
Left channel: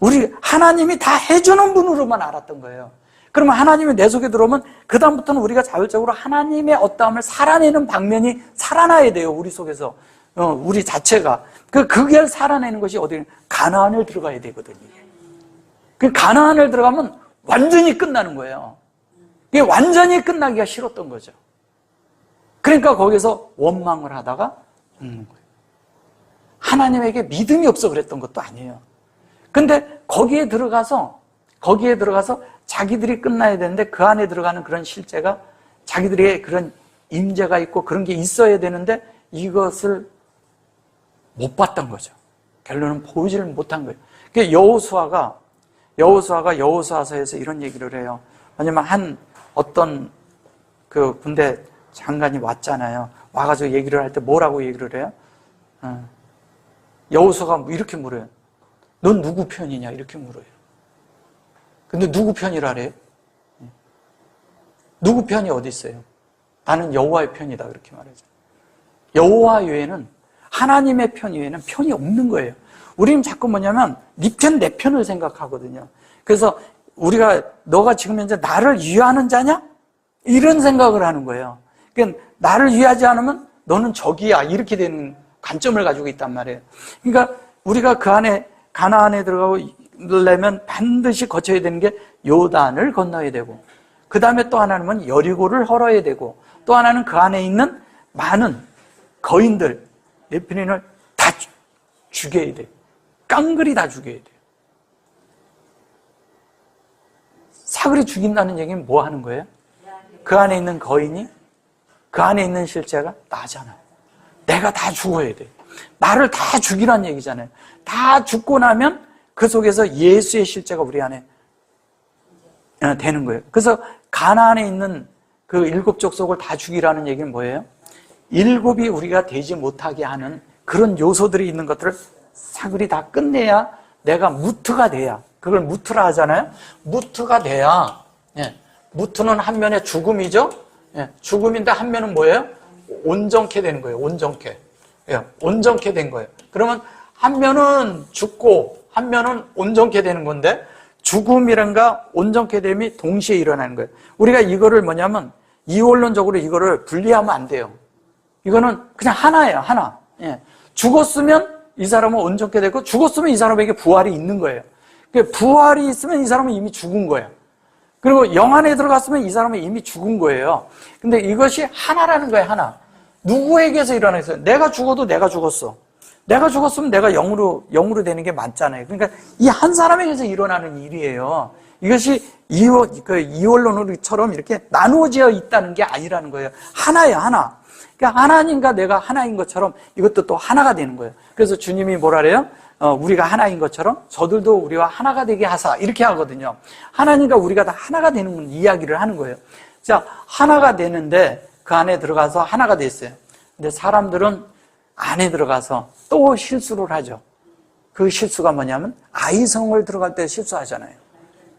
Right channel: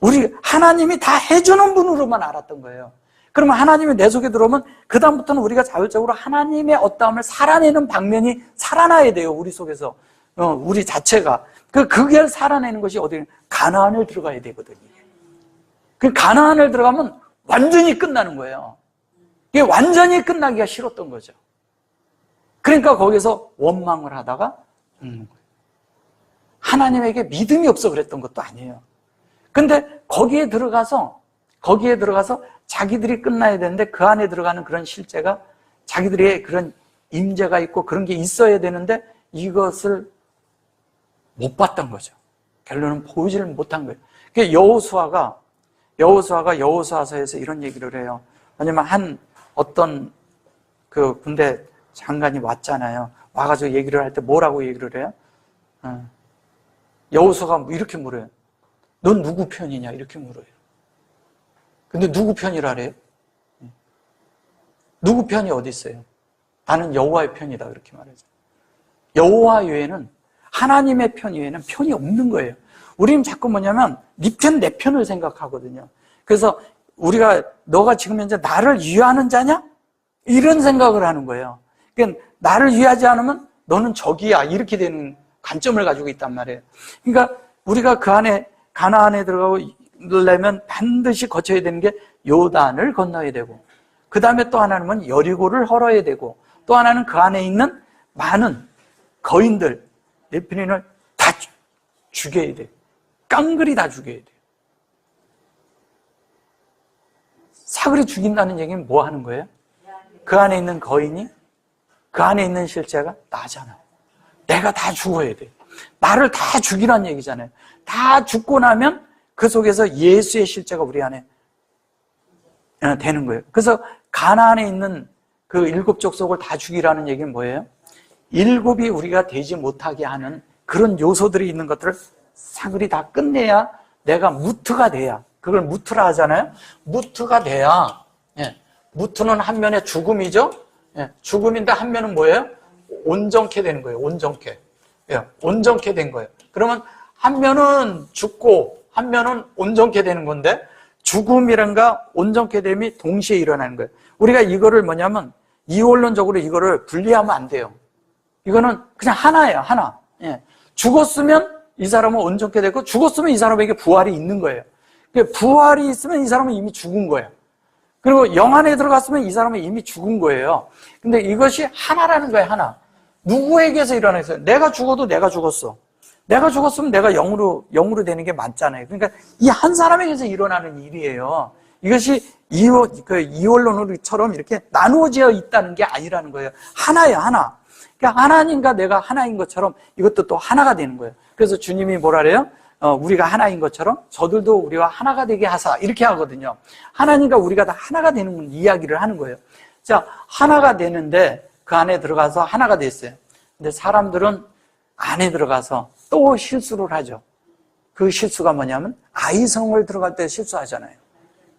우리 하나님이 다 해주는 분으로만 알았던 거예요. 그러면 하나님이 내 속에 들어오면 그 다음부터는 우리가 자율적으로 하나님의 어떠함을 살아내는 방면이 살아나야 돼요. 우리 속에서. 우리 자체가. 그게 살아내는 것이 어디 가나안을 들어가야 되거든요. 그 가나안을 들어가면 완전히 끝나는 거예요. 이게 완전히 끝나기가 싫었던 거죠. 그러니까 거기서 원망을 하다가 하나님에게 믿음이 없어 그랬던 것도 아니에요. 근데 거기에 들어가서 자기들이 끝나야 되는데 그 안에 들어가는 그런 실제가 자기들의 그런 임재가 있고 그런 게 있어야 되는데 이것을 못 봤던 거죠. 결론은 보이지를 못한 거예요. 그러니까 여호수아가 여호수아서에서 이런 얘기를 해요. 왜냐면 어떤 그 군대 장관이 왔잖아요. 와가지고 얘기를 할 때 뭐라고 얘기를 해요? 여호수아가 이렇게 물어요. 넌 누구 편이냐? 이렇게 물어요. 근데 누구 편이라 그래요? 누구 편이 어디 있어요? 나는 여호와의 편이다 그렇게 말하죠. 여호와 외에는 하나님의 편 외에는 편이 없는 거예요. 우리는 자꾸 뭐냐면 네 편, 내 편을 생각하거든요. 그래서 우리가 너가 지금 현재 나를 위하는 자냐? 이런 생각을 하는 거예요. 그러니까 나를 위하지 않으면 너는 적이야 이렇게 되는 관점을 가지고 있단 말이에요. 그러니까 우리가 그 안에 가나안에 들어가려면 반드시 거쳐야 되는 게 요단을 건너야 되고 그 다음에 또 하나는 여리고를 헐어야 되고 또 하나는 그 안에 있는 많은 거인들 네피림을 다 죽여야 돼. 깡그리 다 죽여야 돼. 사그리 죽인다는 얘기는 뭐 하는 거예요? 그 안에 있는 거인이 그 안에 있는 실제가 나잖아요. 내가 다 죽어야 돼. 나를 다 죽이란 얘기잖아요. 다 죽고 나면 그 속에서 예수의 실제가 우리 안에 되는 거예요. 그래서 가나안에 있는 그 7 족속을 다 죽이라는 얘기는 뭐예요? 7이 우리가 되지 못하게 하는 그런 요소들이 있는 것들을 사그리 다 끝내야 내가 무트가 돼야, 그걸 무트라 하잖아요. 무트가 돼야, 무트는 한 면의 죽음이죠. 죽음인데 한 면은 뭐예요? 온전케 되는 거예요. 온전케. 온전케 된 거예요. 그러면 한 면은 죽고 한 면은 온전케 되는 건데 죽음이란가 온전케 됨이 동시에 일어나는 거예요. 우리가 이거를 뭐냐면 이원론적으로 이거를 분리하면 안 돼요. 이거는 그냥 하나예요. 하나. 죽었으면 이 사람은 온전케 되고 죽었으면 이 사람에게 부활이 있는 거예요. 부활이 있으면 이 사람은 이미 죽은 거예요. 그리고 영 안에 들어갔으면 이 사람은 이미 죽은 거예요. 근데 이것이 하나라는 거예요. 하나. 누구에게서 일어나겠어요? 내가 죽어도 내가 죽었어. 내가 죽었으면 내가 영으로 되는 게 맞잖아요. 그러니까 이 한 사람에게서 일어나는 일이에요. 이것이 이원론처럼 이렇게 나누어져 있다는 게 아니라는 거예요. 하나예요, 하나. 그러니까 하나님과 내가 하나인 것처럼 이것도 또 하나가 되는 거예요. 그래서 주님이 뭐라 그래요? 우리가 하나인 것처럼 저들도 우리와 하나가 되게 하사 이렇게 하거든요. 하나님과 우리가 다 하나가 되는 이야기를 하는 거예요. 자, 하나가 되는데 그 안에 들어가서 하나가 돼 있어요. 근데 사람들은 안에 들어가서 또 실수를 하죠. 그 실수가 뭐냐면 아이성을 들어갈 때 실수하잖아요.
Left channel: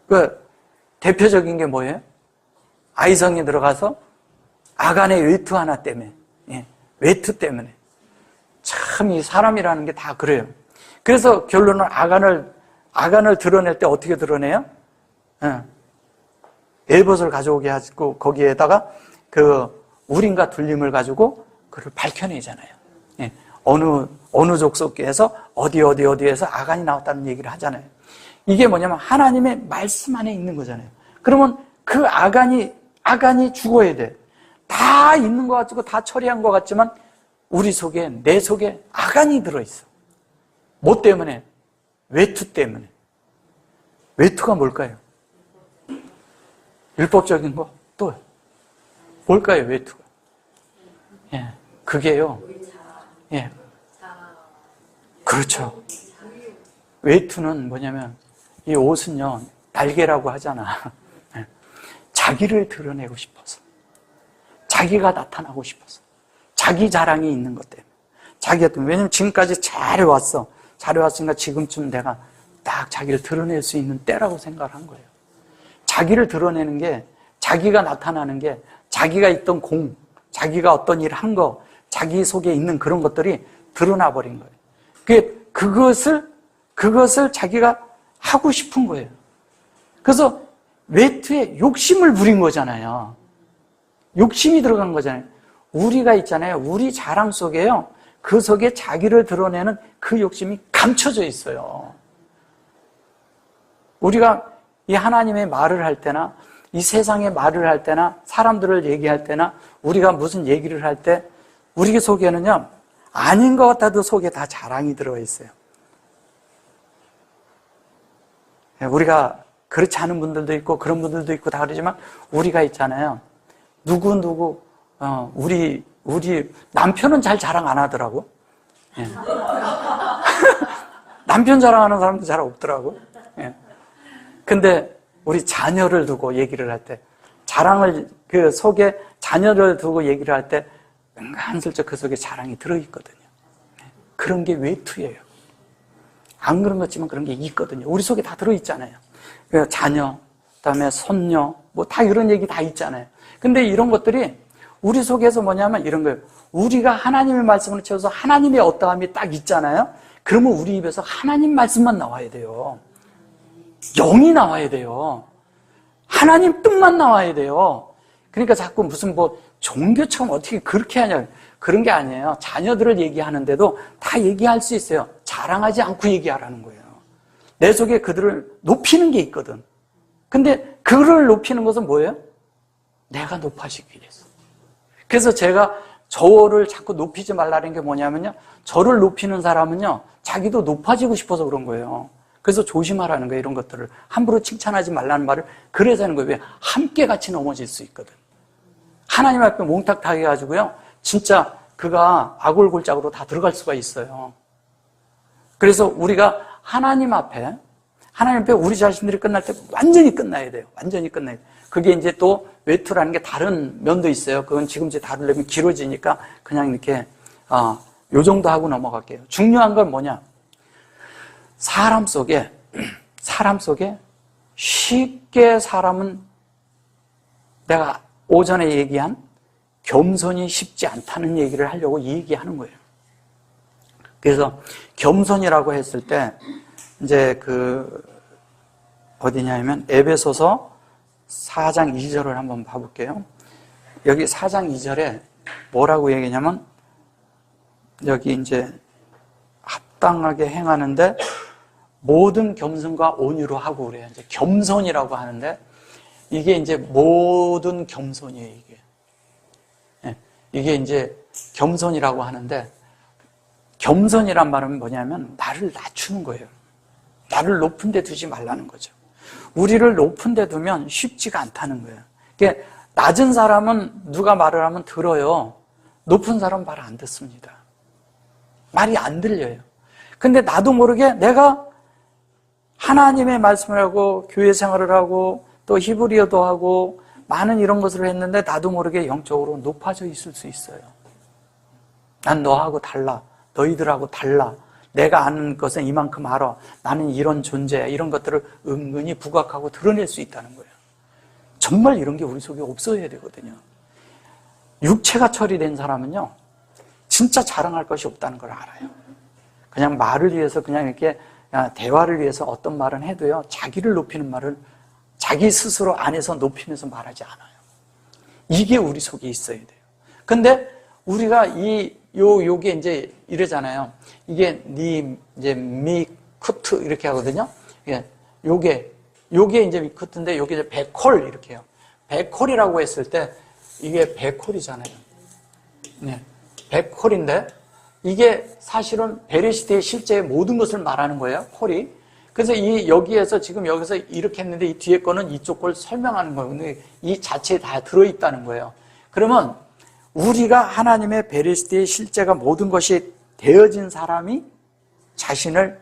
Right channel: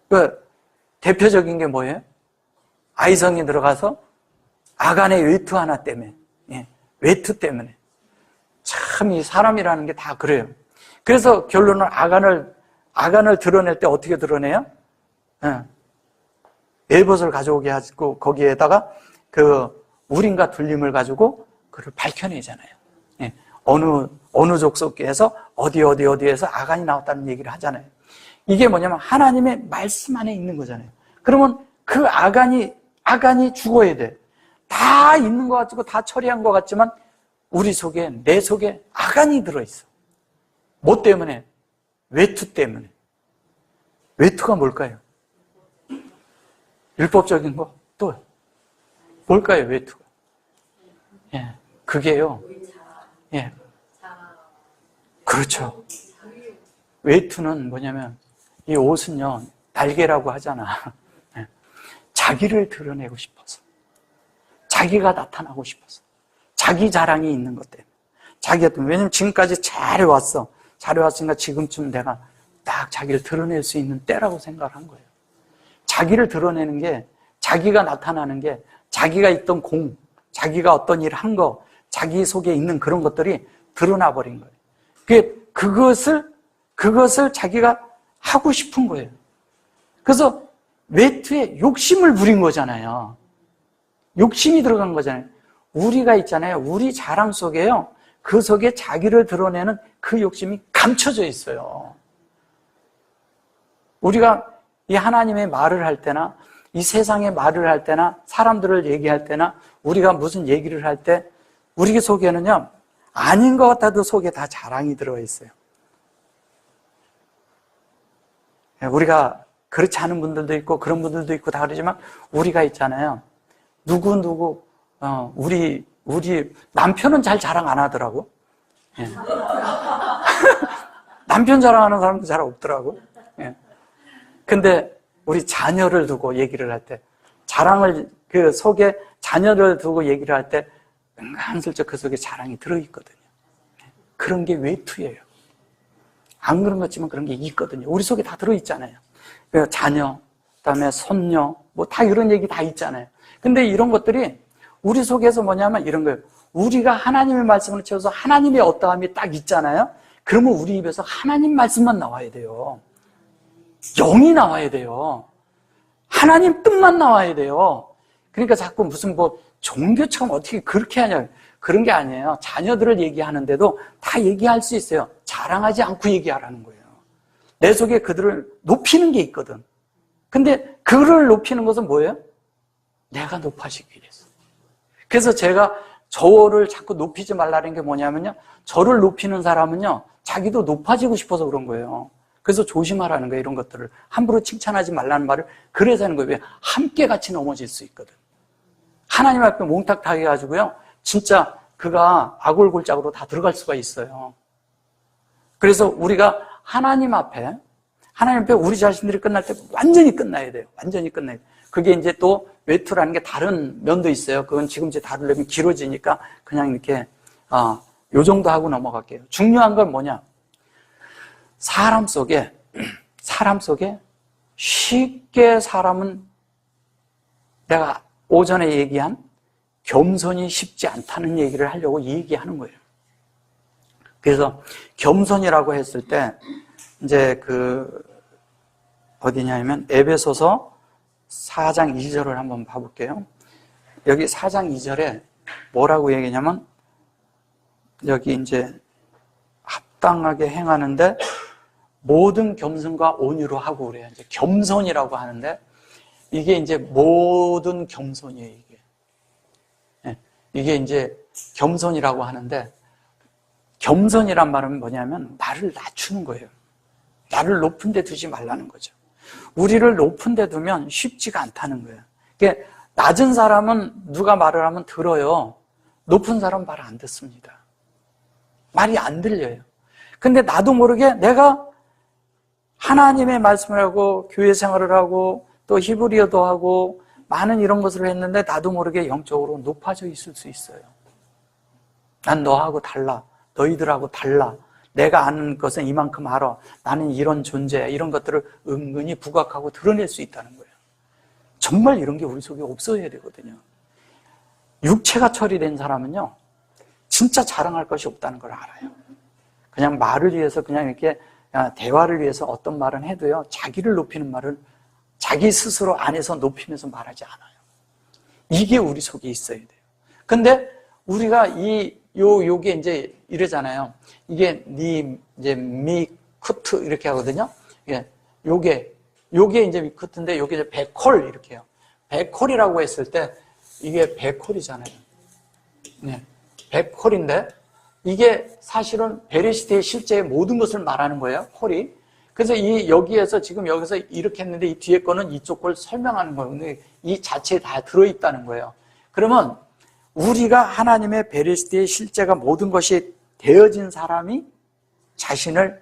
그 대표적인 게 뭐예요? 아이성에 들어가서 아간의 외투 하나 때문에, 외투 때문에. 참 이 사람이라는 게 다 그래요. 그래서 결론은 아간을 드러낼 때 어떻게 드러내요? 에봇을 가져오게 하고 거기에다가 그 우림과 둘림을 가지고 그를 밝혀내잖아요. 어느 족속에서 어디에서 아간이 나왔다는 얘기를 하잖아요. 이게 뭐냐면 하나님의 말씀 안에 있는 거잖아요. 그러면 그 아간이 죽어야 돼. 다 있는 것 같고 다 처리한 것 같지만 우리 속에, 내 속에 아간이 들어있어. 뭐 때문에? 외투 때문에. 외투가 뭘까요? 율법적인 거? 또 뭘까요, 외투가? 그게요. 그렇죠. 외투는 뭐냐면 이 옷은요, 날개라고 하잖아. 자기를 드러내고 싶어서. 자기가 나타나고 싶어서. 자기 자랑이 있는 것 때문에. 왜냐면 지금까지 잘해왔으니까 지금쯤 내가 딱 자기를 드러낼 수 있는 때라고 생각을 한 거예요. 자기를 드러내는 게, 자기가 나타나는 게, 자기가 있던 자기가 어떤 일을 한 거, 자기 속에 있는 그런 것들이 드러나 버린 거예요. 그것을 자기가 하고 싶은 거예요. 그래서 외투에 욕심을 부린 거잖아요. 욕심이 들어간 거잖아요. 우리가 있잖아요. 우리 자랑 속에요. 그 속에 자기를 드러내는 그 욕심이 감춰져 있어요. 우리가 이 하나님의 말을 할 때나 이 세상의 말을 할 때나 사람들을 얘기할 때나 우리가 무슨 얘기를 할 때 우리 속에는요. 아닌 것 같아도 속에 다 자랑이 들어가 있어요. 우리가 그렇지 않은 분들도 있고 그런 분들도 있고 다 그러지만 우리가 있잖아요. 우리 남편은 잘 자랑 안 하더라고. 남편 자랑하는 사람도 잘 없더라고. 근데 우리 자녀를 두고 얘기를 할 때, 그 속에 자녀를 두고 얘기를 할 때 은간슬쩍 그 속에 자랑이 들어있거든요. 그런 게 외투예요. 안 그런 것 같지만 그런 게 있거든요. 우리 속에 다 들어있잖아요. 그러니까 자녀, 그다음에 손녀, 뭐 다 이런 얘기 다 있잖아요. 근데 이런 것들이 우리 속에서 뭐냐면 이런 거예요. 우리가 하나님의 말씀을 채워서 하나님의 어떠함이 딱 있잖아요. 그러면 우리 입에서 하나님 말씀만 나와야 돼요. 영이 나와야 돼요. 하나님 뜻만 나와야 돼요. 그러니까 자꾸 무슨 뭐 종교처럼 어떻게 그렇게 하냐, 그런 게 아니에요. 자녀들을 얘기하는데도 다 얘기할 수 있어요. 자랑하지 않고 얘기하라는 거예요. 내 속에 그들을 높이는 게 있거든. 근데 그를 높이는 것은 뭐예요? 내가 높아지기 위해서. 그래서 제가 저를 자꾸 높이지 말라는 게 뭐냐면요, 저를 높이는 사람은요 자기도 높아지고 싶어서 그런 거예요. 그래서 조심하라는 거예요. 이런 것들을 함부로 칭찬하지 말라는 말을 그래서 하는 거예요. 왜? 함께 같이 넘어질 수 있거든. 하나님 앞에 몽탁하게 해가지고요 진짜 그가 아골골짝으로 다 들어갈 수가 있어요. 그래서 우리가 하나님 앞에 우리 자신들이 끝날 때 완전히 끝나야 돼요. 완전히 끝나야 돼요. 그게 이제 또 외투라는 게 다른 면도 있어요. 그건 지금 이제 다루려면 길어지니까 그냥 이렇게 요 정도 하고 넘어갈게요. 중요한 건 뭐냐? 사람 속에 쉽게 사람은 내가 오전에 얘기한 겸손이 쉽지 않다는 얘기를 하려고 얘기하는 거예요. 그래서 겸손이라고 했을 때 이제 어디냐면 에베소서 4장 2절을 한번 봐볼게요. 여기 4장 2절에 뭐라고 얘기냐면 여기 이제 합당하게 행하는데 모든 겸손과 온유로 하고 그래요. 이제 겸손이라고 하는데 이게 이제 모든 겸손이에요. 이게 이제 겸손이라고 하는데 겸손이란 말은 뭐냐면 나를 낮추는 거예요. 나를 높은 데 두지 말라는 거죠. 우리를 높은 데 두면 쉽지가 않다는 거예요. 그러니까 낮은 사람은 누가 말을 하면 들어요. 높은 사람은 말 안 듣습니다. 말이 안 들려요. 근데 나도 모르게 내가 하나님의 말씀을 하고 교회 생활을 하고 또 히브리어도 하고 많은 이런 것을 했는데 나도 모르게 영적으로 높아져 있을 수 있어요. 난 너하고 달라. 너희들하고 달라. 내가 아는 것은 이만큼 알아. 나는 이런 존재야. 이런 것들을 은근히 부각하고 드러낼 수 있다는 거예요. 정말 이런 게 우리 속에 없어야 되거든요. 육체가 처리된 사람은요 진짜 자랑할 것이 없다는 걸 알아요. 그냥 말을 위해서 그냥 이렇게 대화를 위해서 어떤 말은 해도요 자기를 높이는 말을 자기 스스로 안에서 높이면서 말하지 않아요. 이게 우리 속에 있어야 돼요. 근데 우리가 요게 이제 이러잖아요. 이게 이제 미쿠트 이렇게 하거든요. 예, 요게 이제 미쿠트인데 요게 이제 백홀 이렇게 해요. 백홀이라고 했을 때 이게 백홀이잖아요. 네, 백홀인데 이게 사실은 베레시트의 실제의 모든 것을 말하는 거예요. 콜이. 그래서 여기에서 지금 여기서 이렇게 했는데 이 뒤에 거는 이쪽 걸 설명하는 거예요. 근데 이 자체에 다 들어있다는 거예요. 그러면 우리가 하나님의 베레시트의 실제가 모든 것이 되어진 사람이 자신을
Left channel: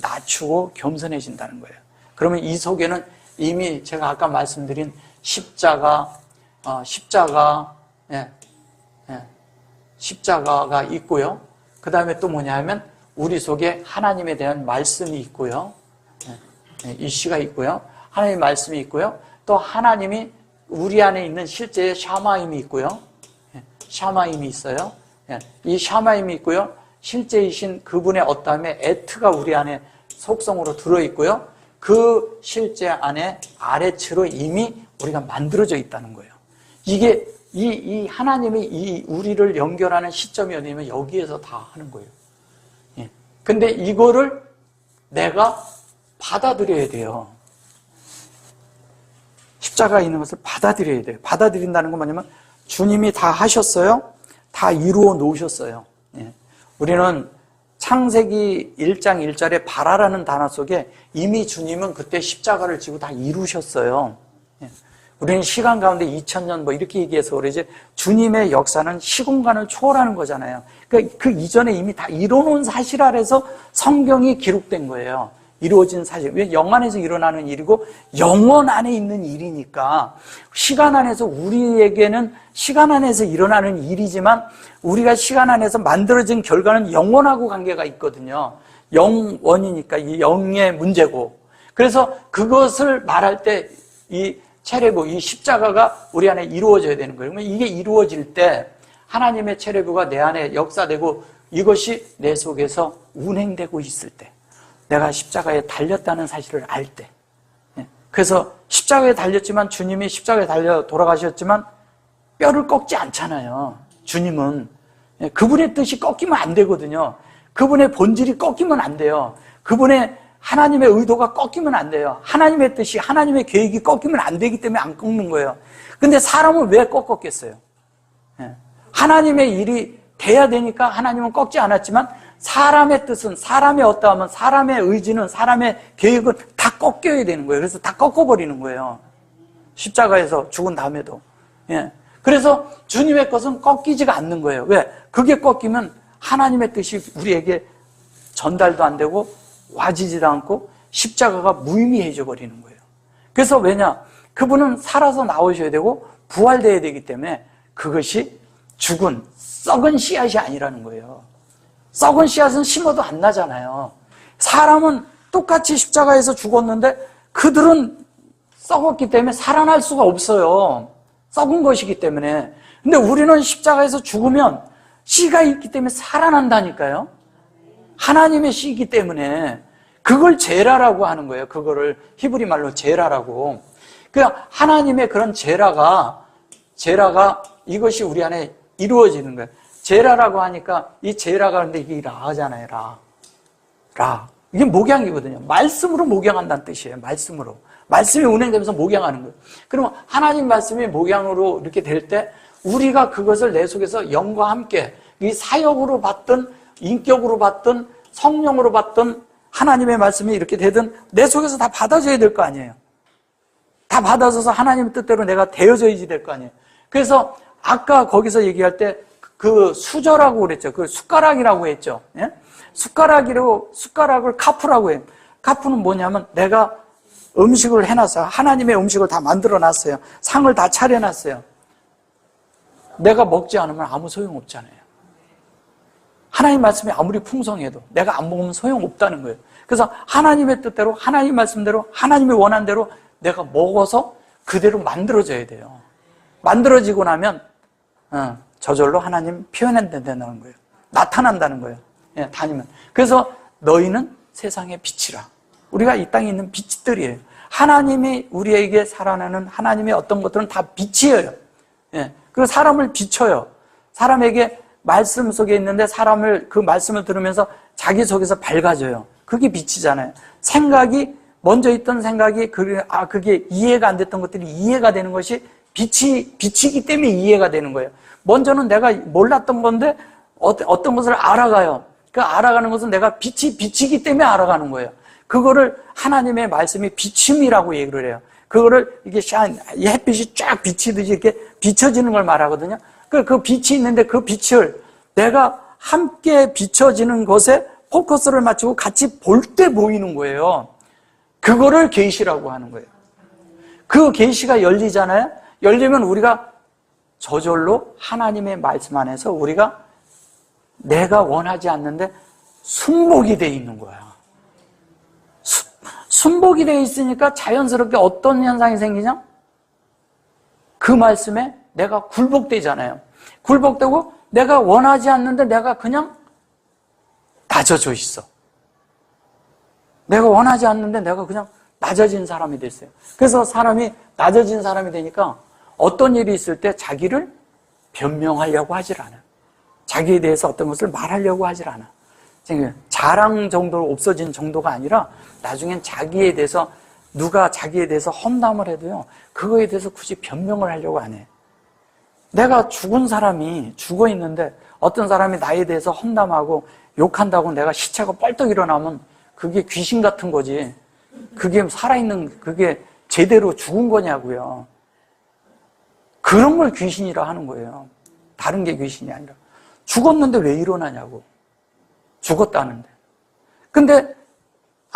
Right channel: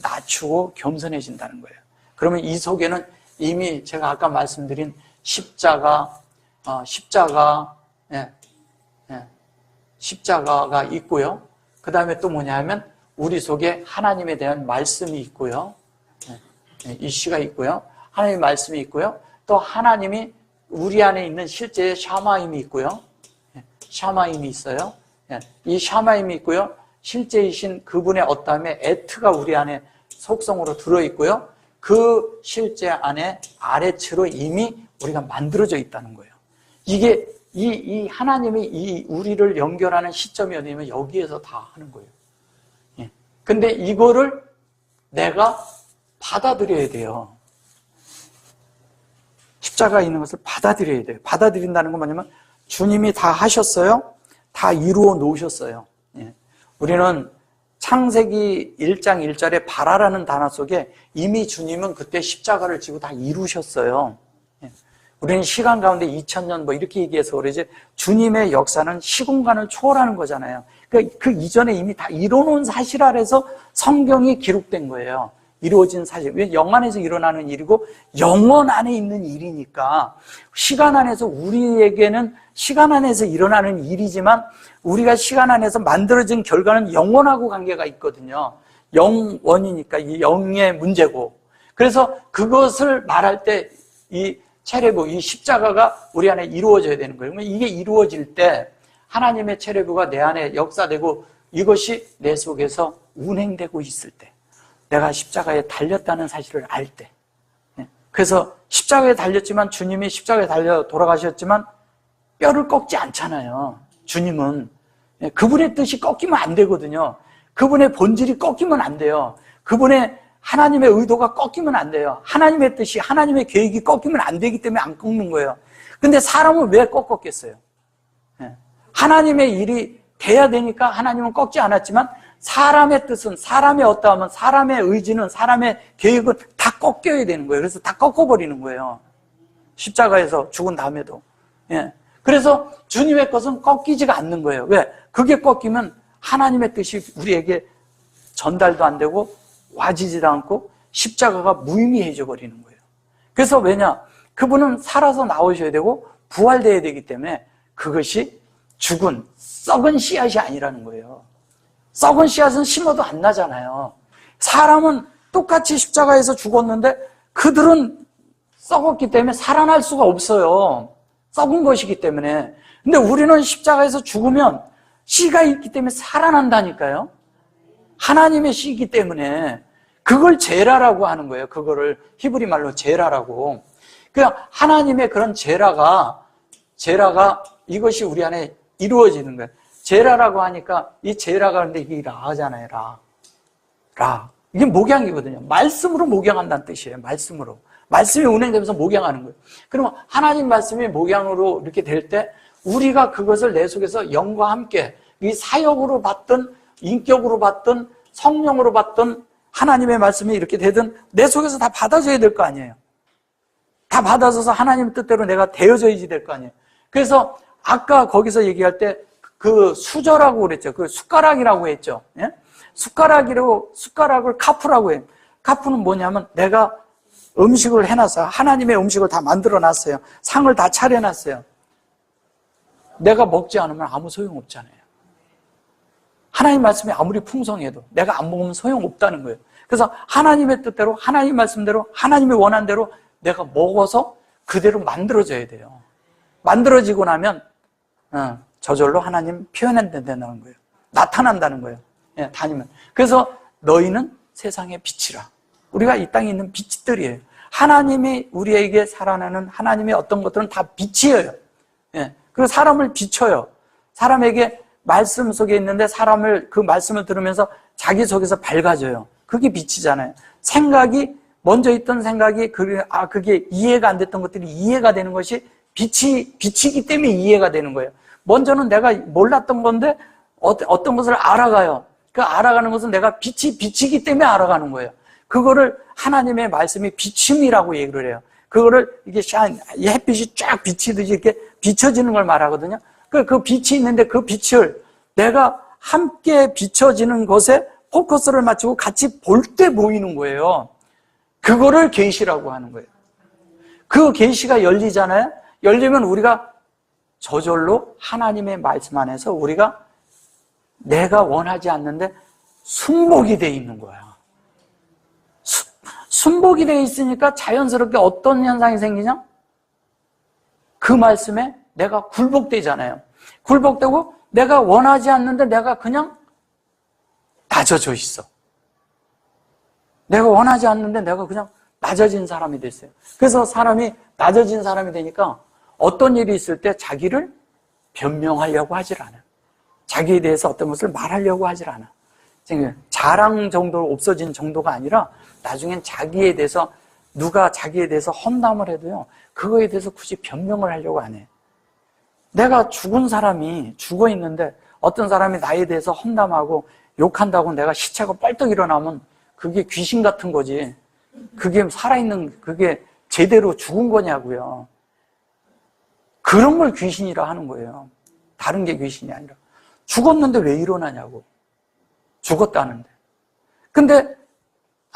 낮추고 겸손해진다는 거예요. 그러면 이 속에는 이미 제가 아까 말씀드린 십자가가 있고요. 그 다음에 또 뭐냐면 우리 속에 하나님에 대한 말씀이 있고요. 이시가 있고요. 하나님의 말씀이 있고요. 또 하나님이 우리 안에 있는 실제의 샤마임이 있고요. 샤마임이 있어요. 이 샤마임이 있고요. 실제이신 그분의 어떠함의 에트가 우리 안에 속성으로 들어있고요. 그 실제 안에 아래치로 이미 우리가 만들어져 있다는 거예요. 이게 이 하나님이 이 우리를 연결하는 시점이 어디냐면 여기에서 다 하는 거예요. 근데 이거를 내가 받아들여야 돼요. 십자가에 있는 것을 받아들여야 돼요. 받아들인다는 건 뭐냐면 주님이 다 하셨어요. 다 이루어 놓으셨어요. 우리는 창세기 1장 1절에 바라라는 단어 속에 이미 주님은 그때 십자가를 지고 다 이루셨어요. 우리는 시간 가운데 2000년 뭐 이렇게 얘기해서 그러지 주님의 역사는 시공간을 초월하는 거잖아요. 그 이전에 이미 다 이뤄놓은 사실 아래서 성경이 기록된 거예요. 이루어진 사실. 왜? 영 안에서 일어나는 일이고 영원 안에 있는 일이니까 시간 안에서 우리에게는 시간 안에서 일어나는 일이지만 우리가 시간 안에서 만들어진 결과는 영원하고 관계가 있거든요. 영원이니까 이 영의 문제고. 그래서 그것을 말할 때 이 체레브, 이 십자가가 우리 안에 이루어져야 되는 거예요. 그러면 이게 이루어질 때 하나님의 체레브가 내 안에 역사되고 이것이 내 속에서 운행되고 있을 때, 내가 십자가에 달렸다는 사실을 알 때. 그래서 십자가에 달렸지만 주님이 십자가에 달려 돌아가셨지만 뼈를 꺾지 않잖아요. 주님은 그분의 뜻이 꺾이면 안 되거든요. 그분의 본질이 꺾이면 안 돼요. 그분의 하나님의 의도가 꺾이면 안 돼요. 하나님의 뜻이, 하나님의 계획이 꺾이면 안 되기 때문에 안 꺾는 거예요. 근데 사람은 왜 꺾었겠어요? 하나님의 일이 돼야 되니까 하나님은 꺾지 않았지만 사람의 뜻은, 사람의 어떠하면, 사람의 의지는, 사람의 계획은 다 꺾여야 되는 거예요. 그래서 다 꺾어버리는 거예요. 십자가에서 죽은 다음에도. 그래서 주님의 것은 꺾이지가 않는 거예요. 왜? 그게 꺾이면 하나님의 뜻이 우리에게 전달도 안 되고 와지지도 않고 십자가가 무의미해져 버리는 거예요. 그래서 왜냐? 그분은 살아서 나오셔야 되고 부활되어야 되기 때문에 그것이 죽은 썩은 씨앗이 아니라는 거예요. 썩은 씨앗은 심어도 안 나잖아요. 사람은 똑같이 십자가에서 죽었는데 그들은 썩었기 때문에 살아날 수가 없어요. 썩은 것이기 때문에. 근데 우리는 십자가에서 죽으면 씨가 있기 때문에 살아난다니까요. 하나님의 씨이기 때문에 그걸 제라라고 하는 거예요. 그거를 히브리 말로 제라라고. 그 하나님의 그런 제라가 이것이 우리 안에 이루어지는 거예요. 제라라고 하니까 이 제라가 근데 이게 라잖아요. 라. 이게 목양이거든요. 말씀으로 목양한다는 뜻이에요. 말씀으로. 말씀이 운행되면서 목양하는 거예요. 그러면 하나님 말씀이 목양으로 이렇게 될 때 우리가 그것을 내 속에서 영과 함께 이 사역으로 받든 인격으로 받든 성령으로 받든 하나님의 말씀이 이렇게 되든 내 속에서 다 받아줘야 될 거 아니에요. 다 받아줘서 하나님 뜻대로 내가 되어져야지 될 거 아니에요. 그래서 아까 거기서 얘기할 때 그 수저라고 그랬죠. 그 숟가락이라고 했죠. 예? 숟가락을 카프라고 해요. 카프는 뭐냐면 내가 음식을 해놨어요. 하나님의 음식을 다 만들어 놨어요. 상을 다 차려놨어요. 내가 먹지 않으면 아무 소용없잖아요. 하나님 말씀이 아무리 풍성해도 내가 안 먹으면 소용없다는 거예요. 그래서 하나님의 뜻대로, 하나님 말씀대로, 하나님의 원한대로 내가 먹어서 그대로 만들어져야 돼요. 만들어지고 나면 저절로 하나님 표현된다는 거예요. 나타난다는 거예요. 예, 다니면. 그래서 너희는 세상의 빛이라. 우리가 이 땅에 있는 빛들이에요. 하나님이 우리에게 살아나는 하나님의 어떤 것들은 다 빛이에요. 예, 그리고 사람을 비춰요. 사람에게 말씀 속에 있는데 사람을 그 말씀을 들으면서 자기 속에서 밝아져요. 그게 빛이잖아요. 생각이 먼저 있던 생각이 그게 이해가 안 됐던 것들이 이해가 되는 것이 빛이기 때문에 이해가 되는 거예요. 먼저는 내가 몰랐던 건데 어떤 것을 알아가요. 그 알아가는 것은 내가 빛이기 때문에 알아가는 거예요. 그거를 하나님의 말씀이 비침이라고 얘기를 해요. 그거를 이게 이 햇빛이 쫙 비치듯이 이렇게 비춰지는 걸 말하거든요. 그 빛이 있는데 그 빛을 내가 함께 비춰지는 것에 포커스를 맞추고 같이 볼 때 보이는 거예요. 그거를 계시라고 하는 거예요. 그 계시가 열리잖아요. 열리면 우리가 저절로 하나님의 말씀 안에서 우리가 내가 원하지 않는데 순복이 돼 있는 거예요. 순복이 돼 있으니까 자연스럽게 어떤 현상이 생기냐? 그 말씀에 내가 굴복되잖아요. 굴복되고 내가 원하지 않는데 내가 그냥 낮아져 있어. 내가 원하지 않는데 내가 그냥 낮아진 사람이 됐어요. 그래서 사람이 낮아진 사람이 되니까 어떤 일이 있을 때 자기를 변명하려고 하질 않아. 자기에 대해서 어떤 것을 말하려고 하질 않아. 자랑 정도로 없어진 정도가 아니라 나중엔 자기에 대해서 누가 자기에 대해서 험담을 해도요. 그거에 대해서 굳이 변명을 하려고 안 해. 내가 죽은 사람이 죽어 있는데 어떤 사람이 나에 대해서 험담하고 욕한다고 내가 시체가 뻘떡 일어나면 그게 귀신 같은 거지. 그게 살아있는 그게 제대로 죽은 거냐고요. 그런 걸 귀신이라 하는 거예요. 다른 게 귀신이 아니라. 죽었는데 왜 일어나냐고. 죽었다는데. 근데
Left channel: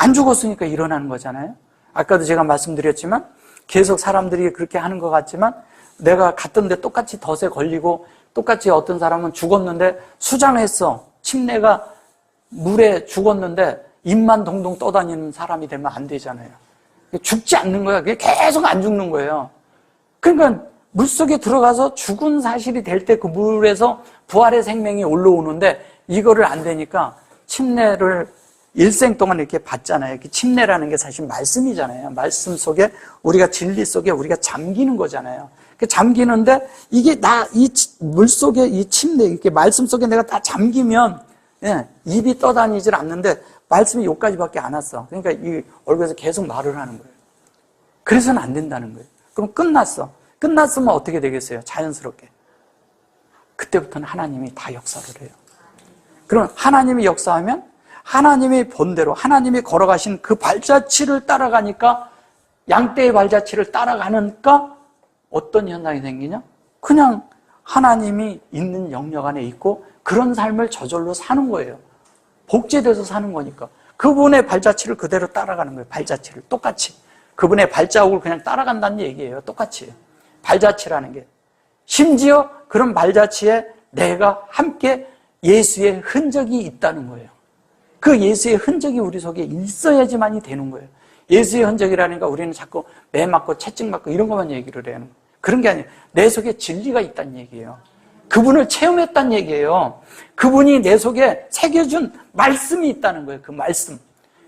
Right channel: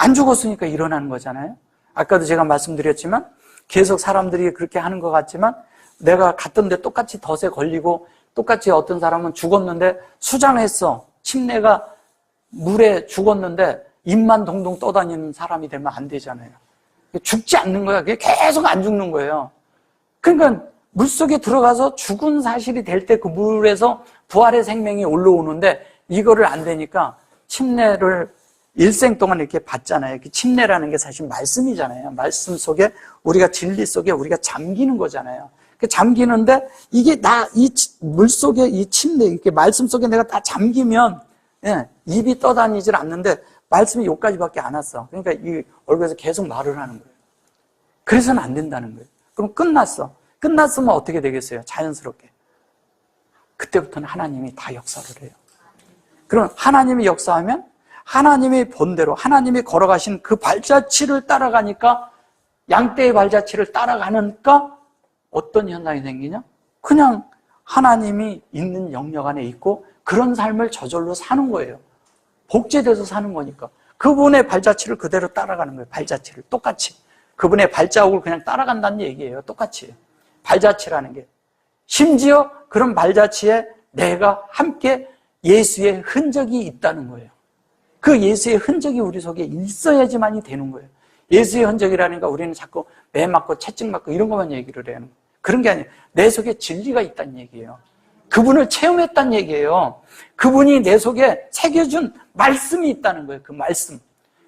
안 죽었으니까 일어나는 거잖아요. 아까도 제가 말씀드렸지만 계속 사람들이 그렇게 하는 것 같지만 내가 갔던 데 똑같이 덫에 걸리고 똑같이 어떤 사람은 죽었는데 수장했어. 침내가 물에 죽었는데 입만 동동 떠다니는 사람이 되면 안 되잖아요. 죽지 않는 거야. 그게 계속 안 죽는 거예요. 그러니까 물속에 들어가서 죽은 사실이 될 때 그 물에서 부활의 생명이 올라오는데 이거를 안 되니까 침례를 일생 동안 이렇게 받잖아요. 침례라는 게 사실 말씀이잖아요. 말씀 속에 우리가 진리 속에 우리가 잠기는 거잖아요. 잠기는데 이게 이 물 속에 이 침례, 이렇게 말씀 속에 내가 다 잠기면 입이 떠다니질 않는데 말씀이 여기까지밖에 안 왔어. 그러니까 이 얼굴에서 계속 말을 하는 거예요. 그래서는 안 된다는 거예요. 그럼 끝났어. 끝났으면 어떻게 되겠어요? 자연스럽게. 그때부터는 하나님이 다 역사를 해요. 그럼 하나님이 역사하면 하나님이 본대로 하나님이 걸어가신 그 발자취를 따라가니까 양떼의 발자취를 따라가니까 어떤 현상이 생기냐? 그냥 하나님이 있는 영역 안에 있고 그런 삶을 저절로 사는 거예요. 복제돼서 사는 거니까. 그분의 발자취를 그대로 따라가는 거예요. 발자취를 똑같이. 그분의 발자국을 그냥 따라간다는 얘기예요. 똑같이. 발자취라는 게. 심지어 그런 발자취에 내가 함께 예수의 흔적이 있다는 거예요. 그 예수의 흔적이 우리 속에 있어야지만이 되는 거예요. 예수의 흔적이라니까 우리는 자꾸 매 맞고 채찍 맞고 이런 것만 얘기를 해요. 그런 게 아니에요. 내 속에 진리가 있다는 얘기예요. 그분을 체험했다는 얘기예요. 그분이 내 속에 새겨준 말씀이 있다는 거예요. 그 말씀.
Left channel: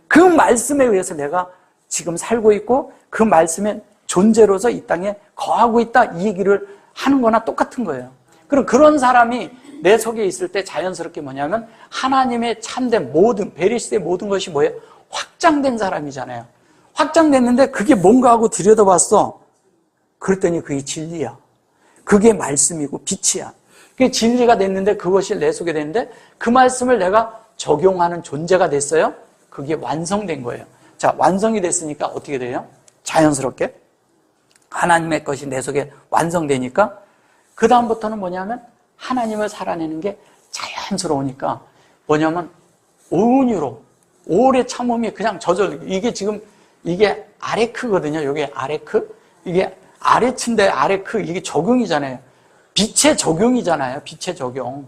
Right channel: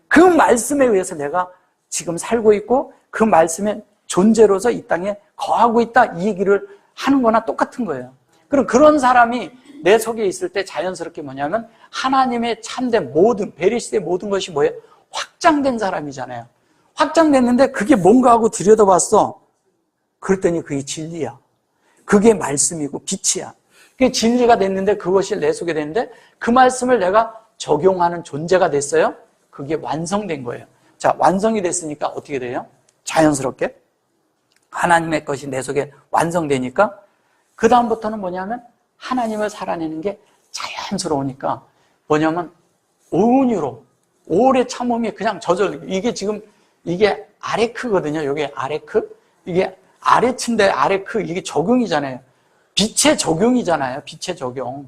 그 말씀에 의해서 내가 지금 살고 있고 그 말씀의 존재로서 이 땅에 거하고 있다. 이 얘기를 하는 거나 똑같은 거예요. 그럼 그런 사람이 내 속에 있을 때 자연스럽게 뭐냐면 하나님의 참된 모든 베리스의 모든 것이 뭐예요? 확장된 사람이잖아요. 확장됐는데 그게 뭔가 하고 들여다봤어. 그랬더니 그게 진리야. 그게 말씀이고 빛이야. 그게 진리가 됐는데 그것이 내 속에 됐는데 그 말씀을 내가 적용하는 존재가 됐어요. 그게 완성된 거예요. 자, 완성이 됐으니까 어떻게 돼요? 자연스럽게 하나님의 것이 내 속에 완성되니까 그 다음부터는 뭐냐면 하나님을 살아내는 게 자연스러우니까 뭐냐면 온유로 오래 참음이 그냥 저절로 이게 지금 이게 아레크거든요. 이게 아레크 이게 아레츠인데 아레크 이게 적용이잖아요. 빛의 적용이잖아요. 빛의 적용.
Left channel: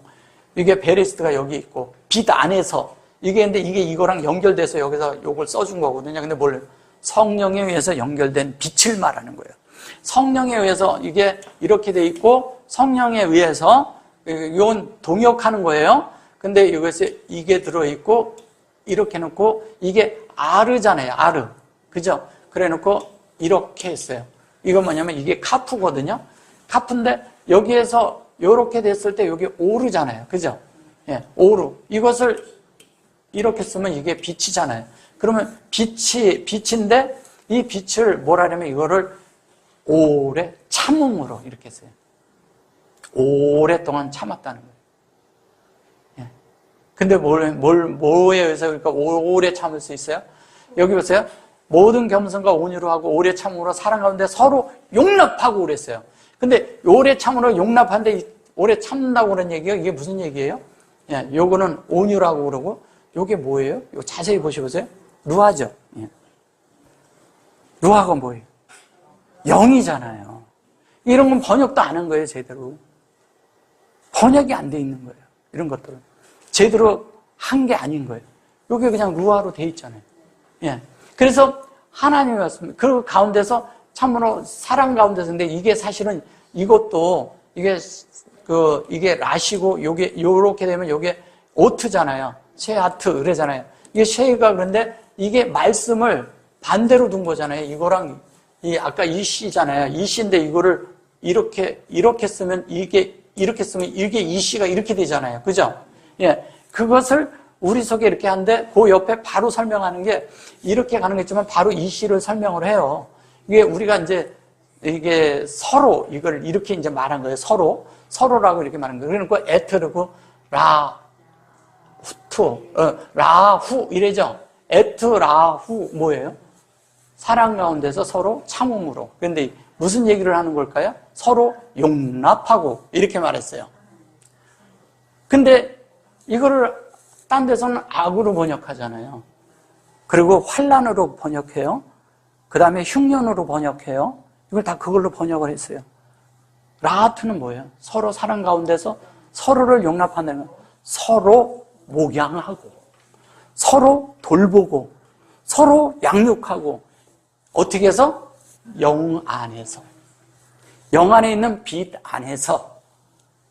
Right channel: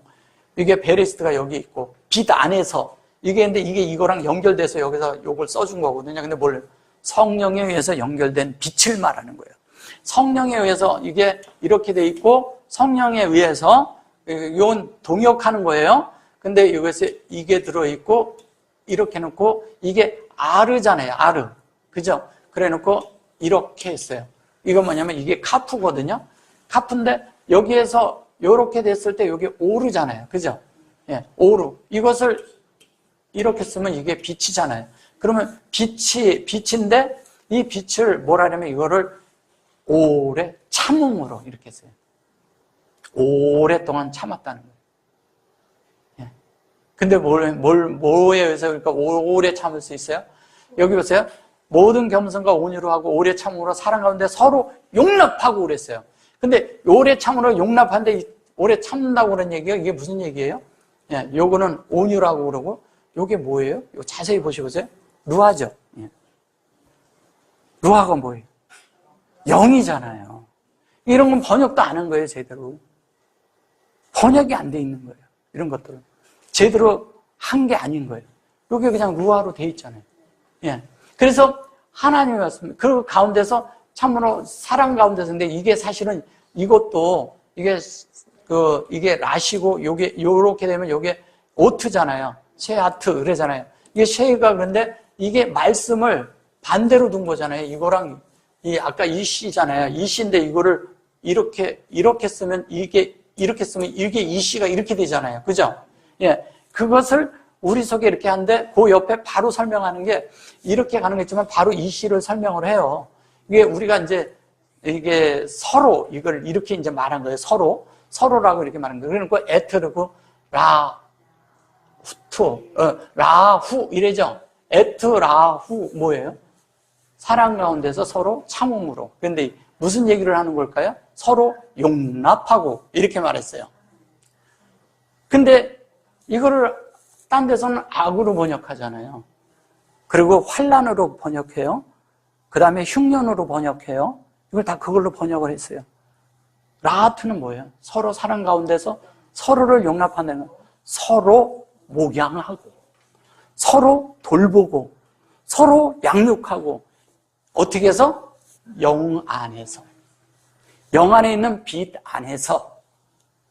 이게 베레스트가 여기 있고 빛 안에서 이게 근데 이게 이거랑 연결돼서 여기서 요걸 써준 거거든요. 근데 뭘 성령에 의해서 연결된 빛을 말하는 거예요. 성령에 의해서 이게 이렇게 돼 있고 성령에 의해서 이건 동역하는 거예요. 근데 이것에 이게 들어있고 이렇게 놓고 이게 아르잖아요. 아르. 그죠? 그래 놓고 이렇게 했어요. 이건 뭐냐면 이게 카프거든요. 카프인데 여기에서 이렇게 됐을 때 여기 오르잖아요. 그죠? 예, 오르. 이것을 이렇게 쓰면 이게 빛이잖아요. 그러면 빛인데 이 빛을 뭐라냐면 이거를 오래 참음으로 이렇게 써요. 오랫동안 참았다는 거예요. 예. 근데 뭐에 의해서 그러니까 오래 참을 수 있어요? 여기 보세요. 모든 겸손과 온유로 하고 오래 참음으로 사랑 가운데 서로 용납하고 그랬어요. 근데 오래 참음으로 용납하는데 오래 참는다고 그런 얘기예요? 이게 무슨 얘기예요? 예, 요거는 온유라고 그러고 요게 뭐예요? 요 자세히 보셔보세요. 루아죠. 예. 루아가 뭐예요? 영이잖아요. 이런 건 번역도 안 한 거예요, 제대로. 번역이 안 돼 있는 거예요. 이런 것들. 제대로 한 게 아닌 거예요. 여기 그냥 루아로 돼 있잖아요. 예. 그래서 하나님의 말씀, 그 가운데서 참으로 사랑 가운데서, 근데 이게 사실은 이것도 이게 라시고 요렇게 되면 요게 오트잖아요. 쉐아트, 그러잖아요. 이게 쉐이가 그런데 이게 말씀을 반대로 둔 거잖아요. 이거랑 아까 이 시잖아요. 이 시인데 이거를 이렇게 쓰면 이렇게 쓰면 이게 이 시가 이렇게 되잖아요. 그죠? 예. 그것을 우리 속에 이렇게 하는데 그 옆에 바로 설명하는 게 이렇게 가는 게 있지만 바로 이 시를 설명을 해요. 이게 우리가 이제 이게 서로 이걸 이렇게 이제 말한 거예요. 서로라고 이렇게 말한 거예요. 그러니까 에트르고 라후 이래죠. 에트라후 뭐예요? 사랑 가운데서 서로 참음으로. 그런데 무슨 얘기를 하는 걸까요? 서로 용납하고 이렇게 말했어요. 근데 이거를 딴 데서는 악으로 번역하잖아요. 그리고 환난으로 번역해요. 그 다음에 흉년으로 번역해요. 이걸 다 그걸로 번역을 했어요. 라하트는 뭐예요? 서로 사랑 가운데서 서로를 용납하는, 서로 목양하고, 서로 돌보고, 서로 양육하고, 어떻게 해서? 영 안에서. 영 안에 있는 빛 안에서,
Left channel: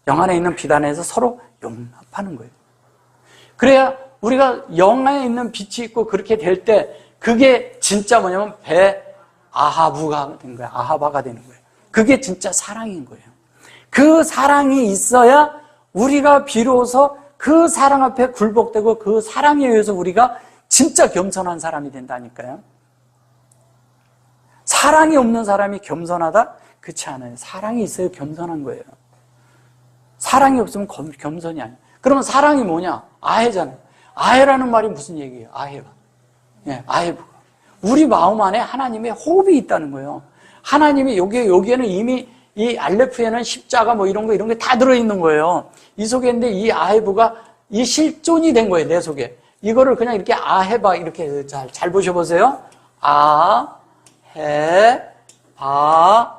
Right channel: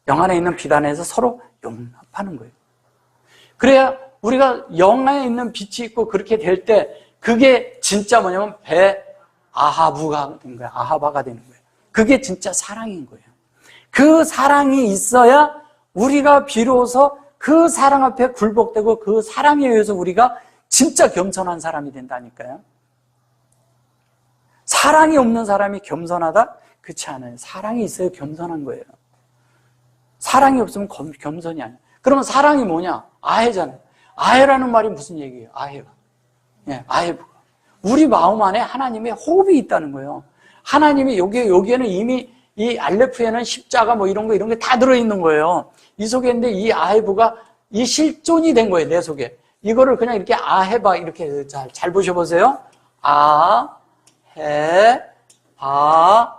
영 안에 있는 빛 안에서 서로 용납하는 거예요. 그래야 우리가 영 안에 있는 빛이 있고 그렇게 될 때, 그게 진짜 뭐냐면 아하부가 되는 거예요. 아하바가 되는 거예요. 그게 진짜 사랑인 거예요. 그 사랑이 있어야 우리가 비로소 그 사랑 앞에 굴복되고 그 사랑에 의해서 우리가 진짜 겸손한 사람이 된다니까요. 사랑이 없는 사람이 겸손하다? 그렇지 않아요. 사랑이 있어야 겸손한 거예요. 사랑이 없으면 겸손이 아니에요. 그러면 사랑이 뭐냐? 아해잖아요. 아해라는 말이 무슨 얘기예요? 아해가. 예, 아해부가. 우리 마음 안에 하나님의 호흡이 있다는 거예요. 하나님이 여기에는 이미 이 알레프에는 십자가 뭐 이런 게 다 들어있는 거예요. 이 속에 있는데 이 아해부가 이 실존이 된 거예요, 내 속에. 이거를 그냥 이렇게 아해바 이렇게 잘 보셔보세요. 아해바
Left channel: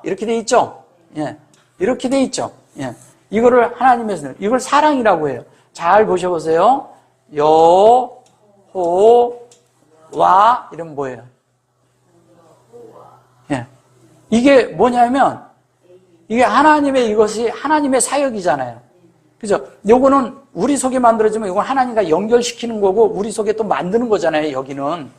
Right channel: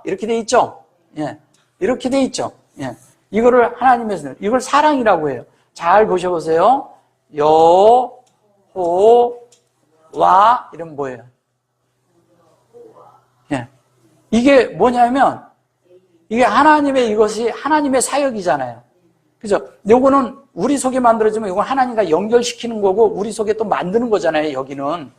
이렇게 돼 있죠? 예. 이렇게 돼 있죠? 예. 이거를 하나님에서 이걸 사랑이라고 해요. 잘 보셔보세요. 여호와 이런 뭐예요? 예. 이게 뭐냐면 이게 이것이 하나님의 사역이잖아요. 그죠? 요거는 우리 속에 만들어지면 이건 하나님과 연결시키는 거고 우리 속에 또 만드는 거잖아요. 여기는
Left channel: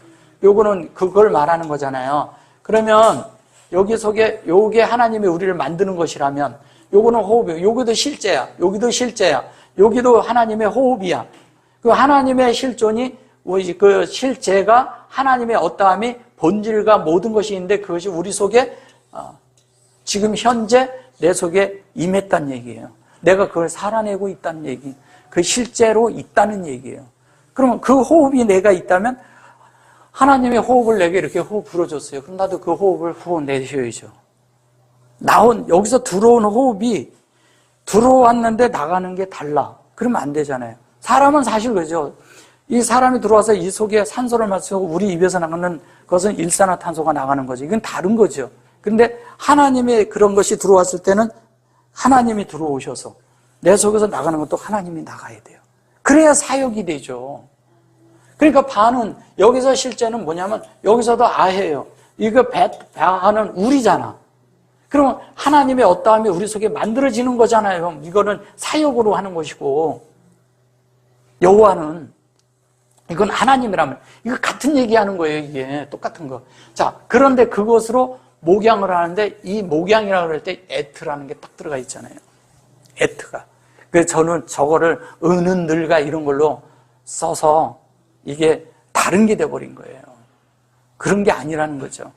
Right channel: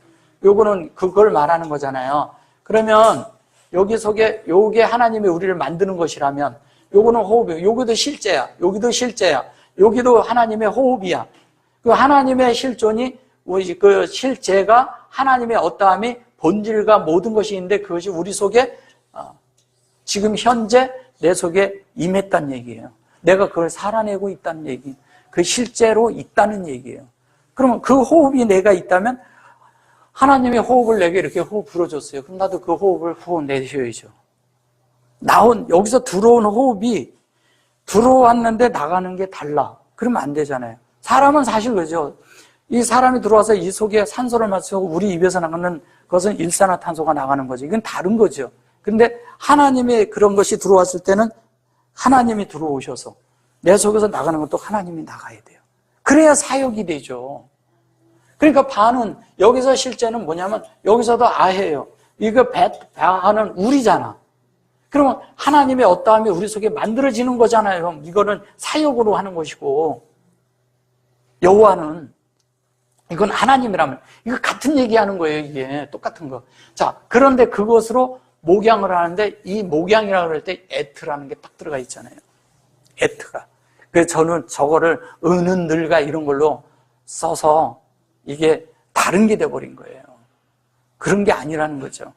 요거는 그걸 말하는 거잖아요. 그러면 여기 속에 요게 하나님이 우리를 만드는 것이라면 요거는 호흡이에요. 여기도 실제야. 여기도 실제야. 여기도 하나님의 호흡이야. 그 하나님의 실존이 그 실제가 하나님의 어떠함이 본질과 모든 것이 있는데 그것이 우리 속에 지금 현재 내 속에 임했다는 얘기예요. 내가 그걸 살아내고 있다는 얘기. 그 실제로 있다는 얘기예요. 그러면 그 호흡이 내가 있다면 하나님의 호흡을 내게 이렇게 호흡 불어줬어요. 그럼 나도 그 호흡을 후원 내쉬어야죠. 여기서 들어온 호흡이 들어왔는데 나가는 게 달라. 그러면 안 되잖아요. 사람은 사실 그죠. 이 사람이 들어와서 이 속에 산소를 마시고 우리 입에서 나가는 것은 일산화탄소가 나가는 거죠. 이건 다른 거죠. 근데 하나님의 그런 것이 들어왔을 때는 하나님이 들어오셔서 내 속에서 나가는 것도 하나님이 나가야 돼요. 그래야 사역이 되죠. 그러니까 바는 여기서 실제는 뭐냐면 여기서도 아해예요. 이거 바는 우리잖아. 그러면 하나님의 어떠함이 우리 속에 만들어지는 거잖아요. 이거는 사역으로 하는 것이고 여호와는 이건 하나님이라면 이거 같은 얘기하는 거예요. 이게 똑같은 거. 자, 그런데 그것으로 목양을 하는데 이 목양이라고 할 때 에트라는 게 딱 들어가 있잖아요. 에트가. 그래서 저는 저거를 은은늘가 이런 걸로 써서 이게 다른 게 돼버린 거예요. 그런 게 아니라는 거죠.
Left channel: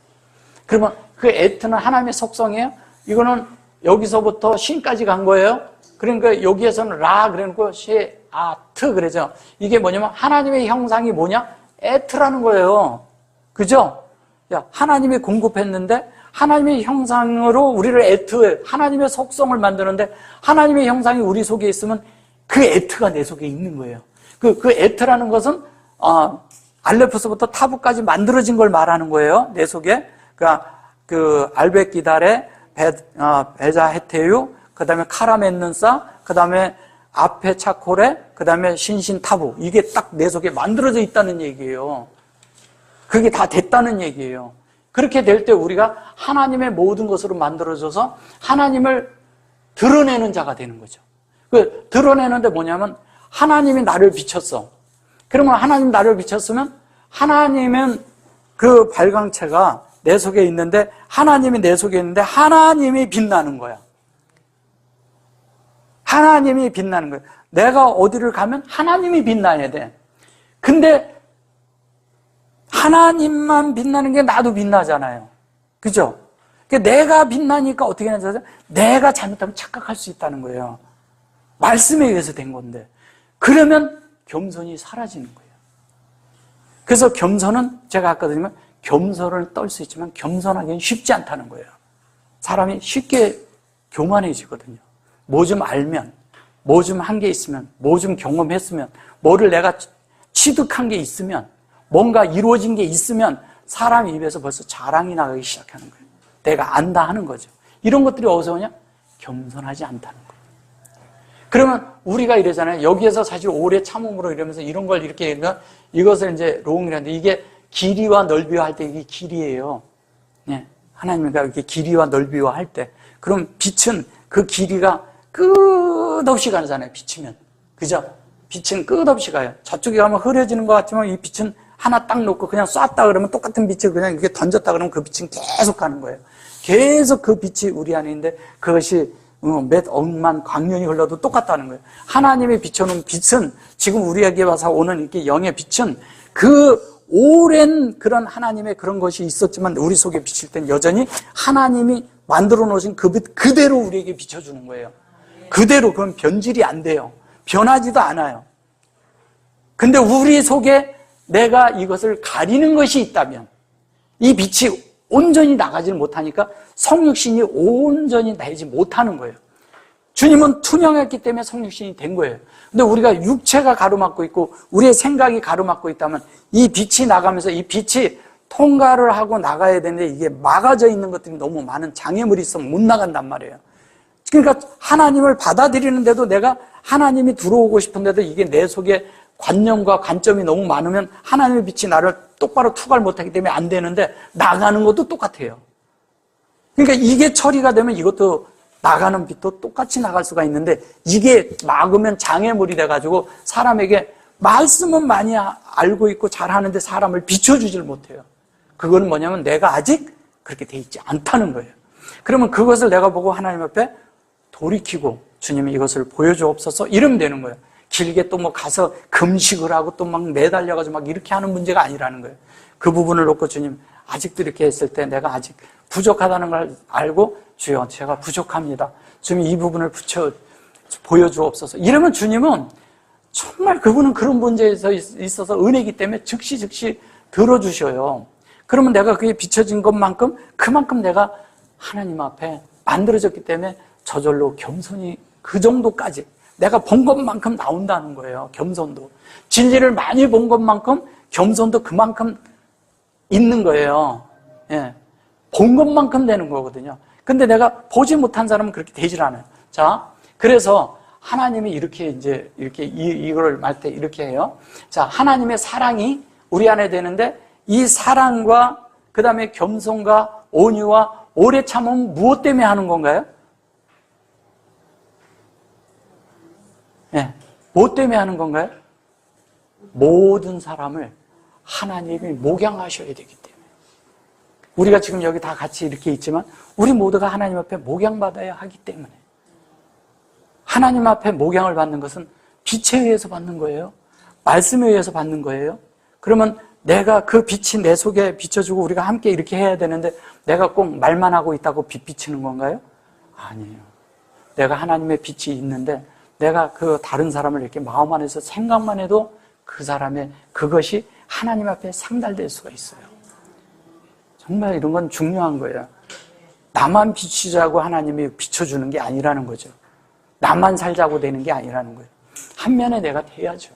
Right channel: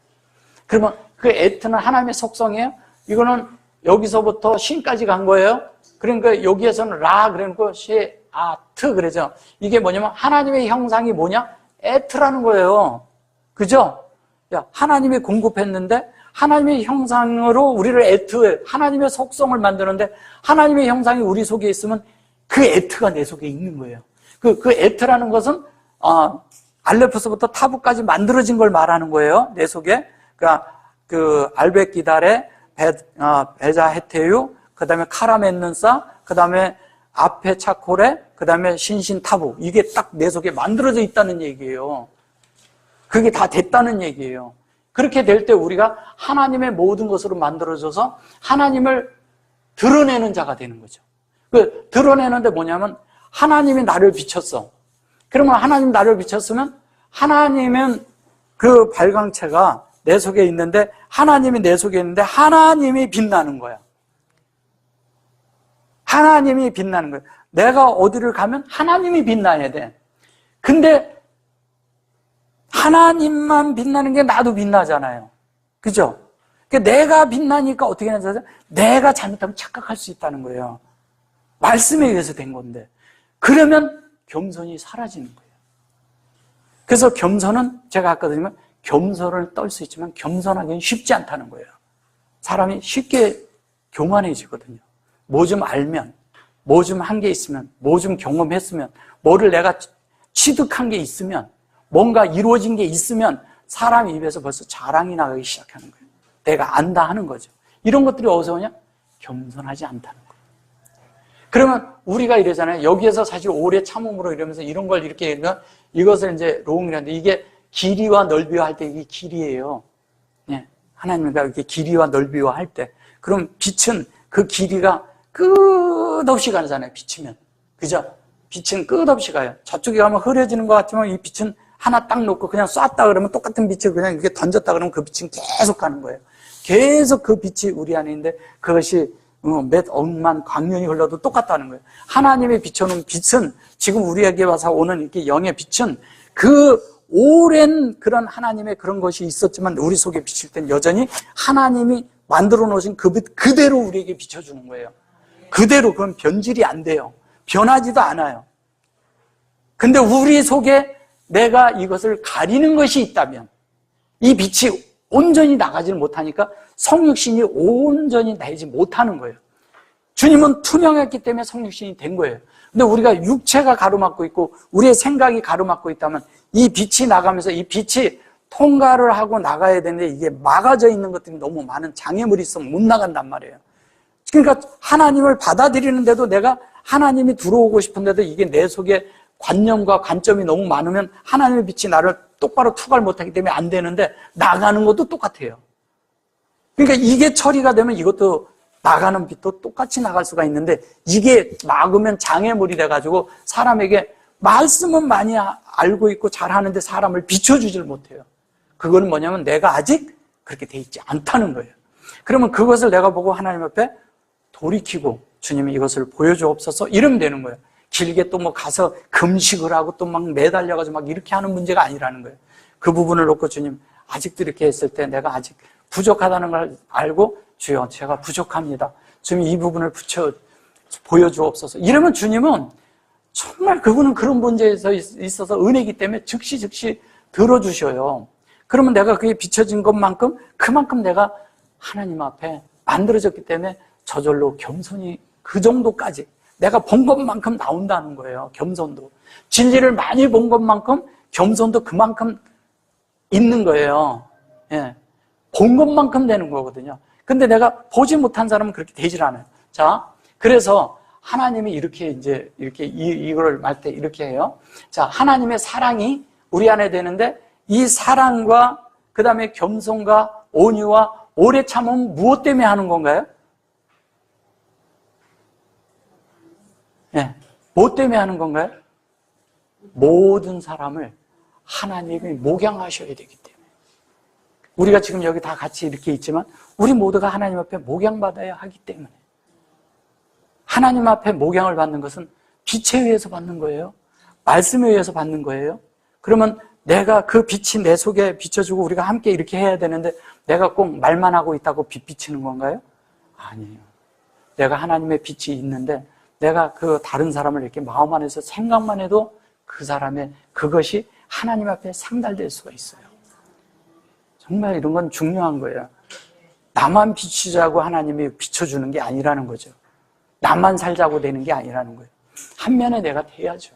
그러면 그 에트는 하나님의 속성이에요. 이거는 여기서부터 신까지 간 거예요. 그러니까 여기에서는 라 그러고 시 아트 그러죠. 이게 뭐냐면 하나님의 형상이 뭐냐? 에트라는 거예요. 그죠? 야, 하나님이 공급했는데 하나님의 형상으로 우리를 하나님의 속성을 만드는데 하나님의 형상이 우리 속에 있으면 그 에트가 내 속에 있는 거예요. 그 에트라는 것은 알레프스부터 타부까지 만들어진 걸 말하는 거예요. 내 속에. 그 알베기달의 베자 헤테유, 그 다음에 카라멘는사, 그 다음에 앞에 차콜에, 그 다음에 신신타부. 이게 딱 내 속에 만들어져 있다는 얘기예요. 그게 다 됐다는 얘기예요. 그렇게 될 때 우리가 하나님의 모든 것으로 만들어져서 하나님을 드러내는 자가 되는 거죠. 그 드러내는데 뭐냐면 하나님이 나를 비췄어. 그러면 하나님 나를 비췄으면 하나님은 그 발광체가 내 속에 있는데 하나님이 내 속에 있는데 하나님이 빛나는 거야. 하나님이 빛나는 거야. 내가 어디를 가면 하나님이 빛나야 돼. 근데 하나님만 빛나는 게 나도 빛나잖아요. 그죠? 내가 빛나니까 어떻게 하는지 내가 잘못하면 착각할 수 있다는 거예요. 말씀에 의해서 된 건데. 그러면 겸손이 사라지는 거예요. 그래서 겸손은 제가 아까 드리면 겸손을 떨 수 있지만 겸손하기는 쉽지 않다는 거예요. 사람이 쉽게 교만해지거든요. 뭐 좀 알면, 뭐 좀 한 게 있으면, 뭐 좀 경험했으면, 뭐를 내가 취득한 게 있으면 뭔가 이루어진 게 있으면 사람 입에서 벌써 자랑이 나기 시작하는 거예요. 내가 안다 하는 거죠. 이런 것들이 어디서 오냐? 겸손하지 않다는 거예요. 그러면 우리가 이러잖아요. 여기에서 사실 오래 참음으로 이러면서 이런 걸 이렇게 하면 이것을 이제 롱이라는데 이게 길이와 넓이와 할 때 이게 길이에요. 네. 하나님과 이렇게 길이와 넓이와 할 때. 그럼 빛은 그 길이가 끝없이 가잖아요. 비치면. 그죠? 빛은 끝없이 가요. 저쪽에 가면 흐려지는 것 같지만 이 빛은 하나 딱 놓고 그냥 쐈다 그러면 똑같은 빛을 그냥 이렇게 던졌다 그러면 그 빛은 계속 가는 거예요. 계속 그 빛이 우리 안에 있는데 그것이 몇 억만 광년이 흘러도 똑같다는 거예요. 하나님의 비춰놓은 빛은 지금 우리에게 와서 오는 이렇게 영의 빛은 그 오랜 그런 하나님의 그런 것이 있었지만 우리 속에 비칠 땐 여전히 하나님이 만들어 놓으신 그 빛 그대로 우리에게 비춰주는 거예요. 그대로. 그건 변질이 안 돼요. 변하지도 않아요. 근데 우리 속에 내가 이것을 가리는 것이 있다면 이 빛이 온전히 나가지를 못하니까 성육신이 온전히 나지 못하는 거예요. 주님은 투명했기 때문에 성육신이 된 거예요. 근데 우리가 육체가 가로막고 있고 우리의 생각이 가로막고 있다면 이 빛이 나가면서 이 빛이 통과를 하고 나가야 되는데 이게 막아져 있는 것들이 너무 많은 장애물이 있으면 못 나간단 말이에요. 그러니까 하나님을 받아들이는데도 내가 하나님이 들어오고 싶은데도 이게 내 속에 관념과 관점이 너무 많으면 하나님의 빛이 나를 똑바로 투과를 못하기 때문에 안 되는데 나가는 것도 똑같아요. 그러니까 이게 처리가 되면 이것도 나가는 빛도 똑같이 나갈 수가 있는데 이게 막으면 장애물이 돼가지고 사람에게 말씀은 많이 알고 있고 잘하는데 사람을 비춰주질 못해요. 그거는 뭐냐면 내가 아직 그렇게 돼 있지 않다는 거예요. 그러면 그것을 내가 보고 하나님 앞에 돌이키고 주님이 이것을 보여주옵소서 이러면 되는 거예요. 길게 또 뭐 가서 금식을 하고 또 막 매달려가지고 막 이렇게 하는 문제가 아니라는 거예요. 그 부분을 놓고 주님 아직도 이렇게 했을 때 내가 아직 부족하다는 걸 알고 주여 제가 부족합니다. 주님 이 부분을 보여주옵소서. 이러면 주님은 정말 그분은 그런 문제에 있어서 은혜이기 때문에 즉시 들어주셔요. 그러면 내가 그게 비춰진 것만큼 그만큼 내가 하나님 앞에 만들어졌기 때문에 저절로 겸손이 그 정도까지 내가 본 것만큼 나온다는 거예요. 겸손도. 진리를 많이 본 것만큼 겸손도 그만큼 있는 거예요. 예. 본 것만큼 되는 거거든요. 근데 내가 보지 못한 사람은 그렇게 되질 않아요. 자, 그래서 하나님이 이렇게 이걸 말 때 이렇게 해요. 자, 하나님의 사랑이 우리 안에 되는데 이 사랑과 그 다음에 겸손과 온유와 오래 참음은 무엇 때문에 하는 건가요? 예, 무엇 때문에 하는 건가요? 모든 사람을 하나님이 목양하셔야 되기 때문에. 우리가 지금 여기 다 같이 이렇게 있지만 우리 모두가 하나님 앞에 목양받아야 하기 때문에. 하나님 앞에 목양을 받는 것은 빛에 의해서 받는 거예요. 말씀에 의해서 받는 거예요. 그러면 내가 그 빛이 내 속에 비춰주고 우리가 함께 이렇게 해야 되는데 내가 꼭 말만 하고 있다고 빛 비치는 건가요? 아니에요. 내가 하나님의 빛이 있는데 내가 그 다른 사람을 이렇게 마음 안에서 생각만 해도 그 사람의 그것이 하나님 앞에 상달될 수가 있어요. 정말 이런 건 중요한 거예요. 나만 비추자고 하나님이 비춰주는 게 아니라는 거죠. 나만 살자고 되는 게 아니라는 거예요. 한 면에 내가 돼야죠.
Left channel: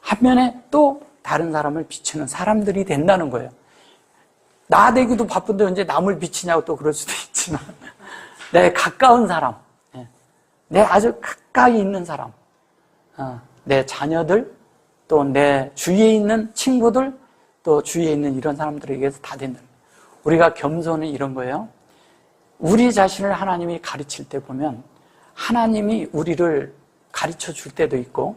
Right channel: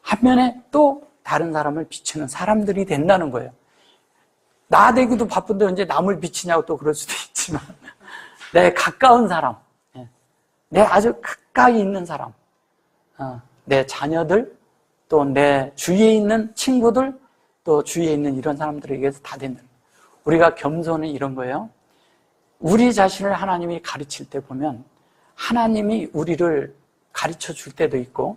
한 면에 또 다른 사람을 비추는 사람들이 된다는 거예요. 나 되기도 바쁜데 언제 남을 비치냐고 또 그럴 수도 있지만 내 가까운 사람, 내 아주 가까이 있는 사람, 내 자녀들, 또 내 주위에 있는 친구들, 또 주위에 있는 이런 사람들에게서 다 되는 우리가 겸손이 이런 거예요. 우리 자신을 하나님이 가르칠 때 보면 하나님이 우리를 가르쳐 줄 때도 있고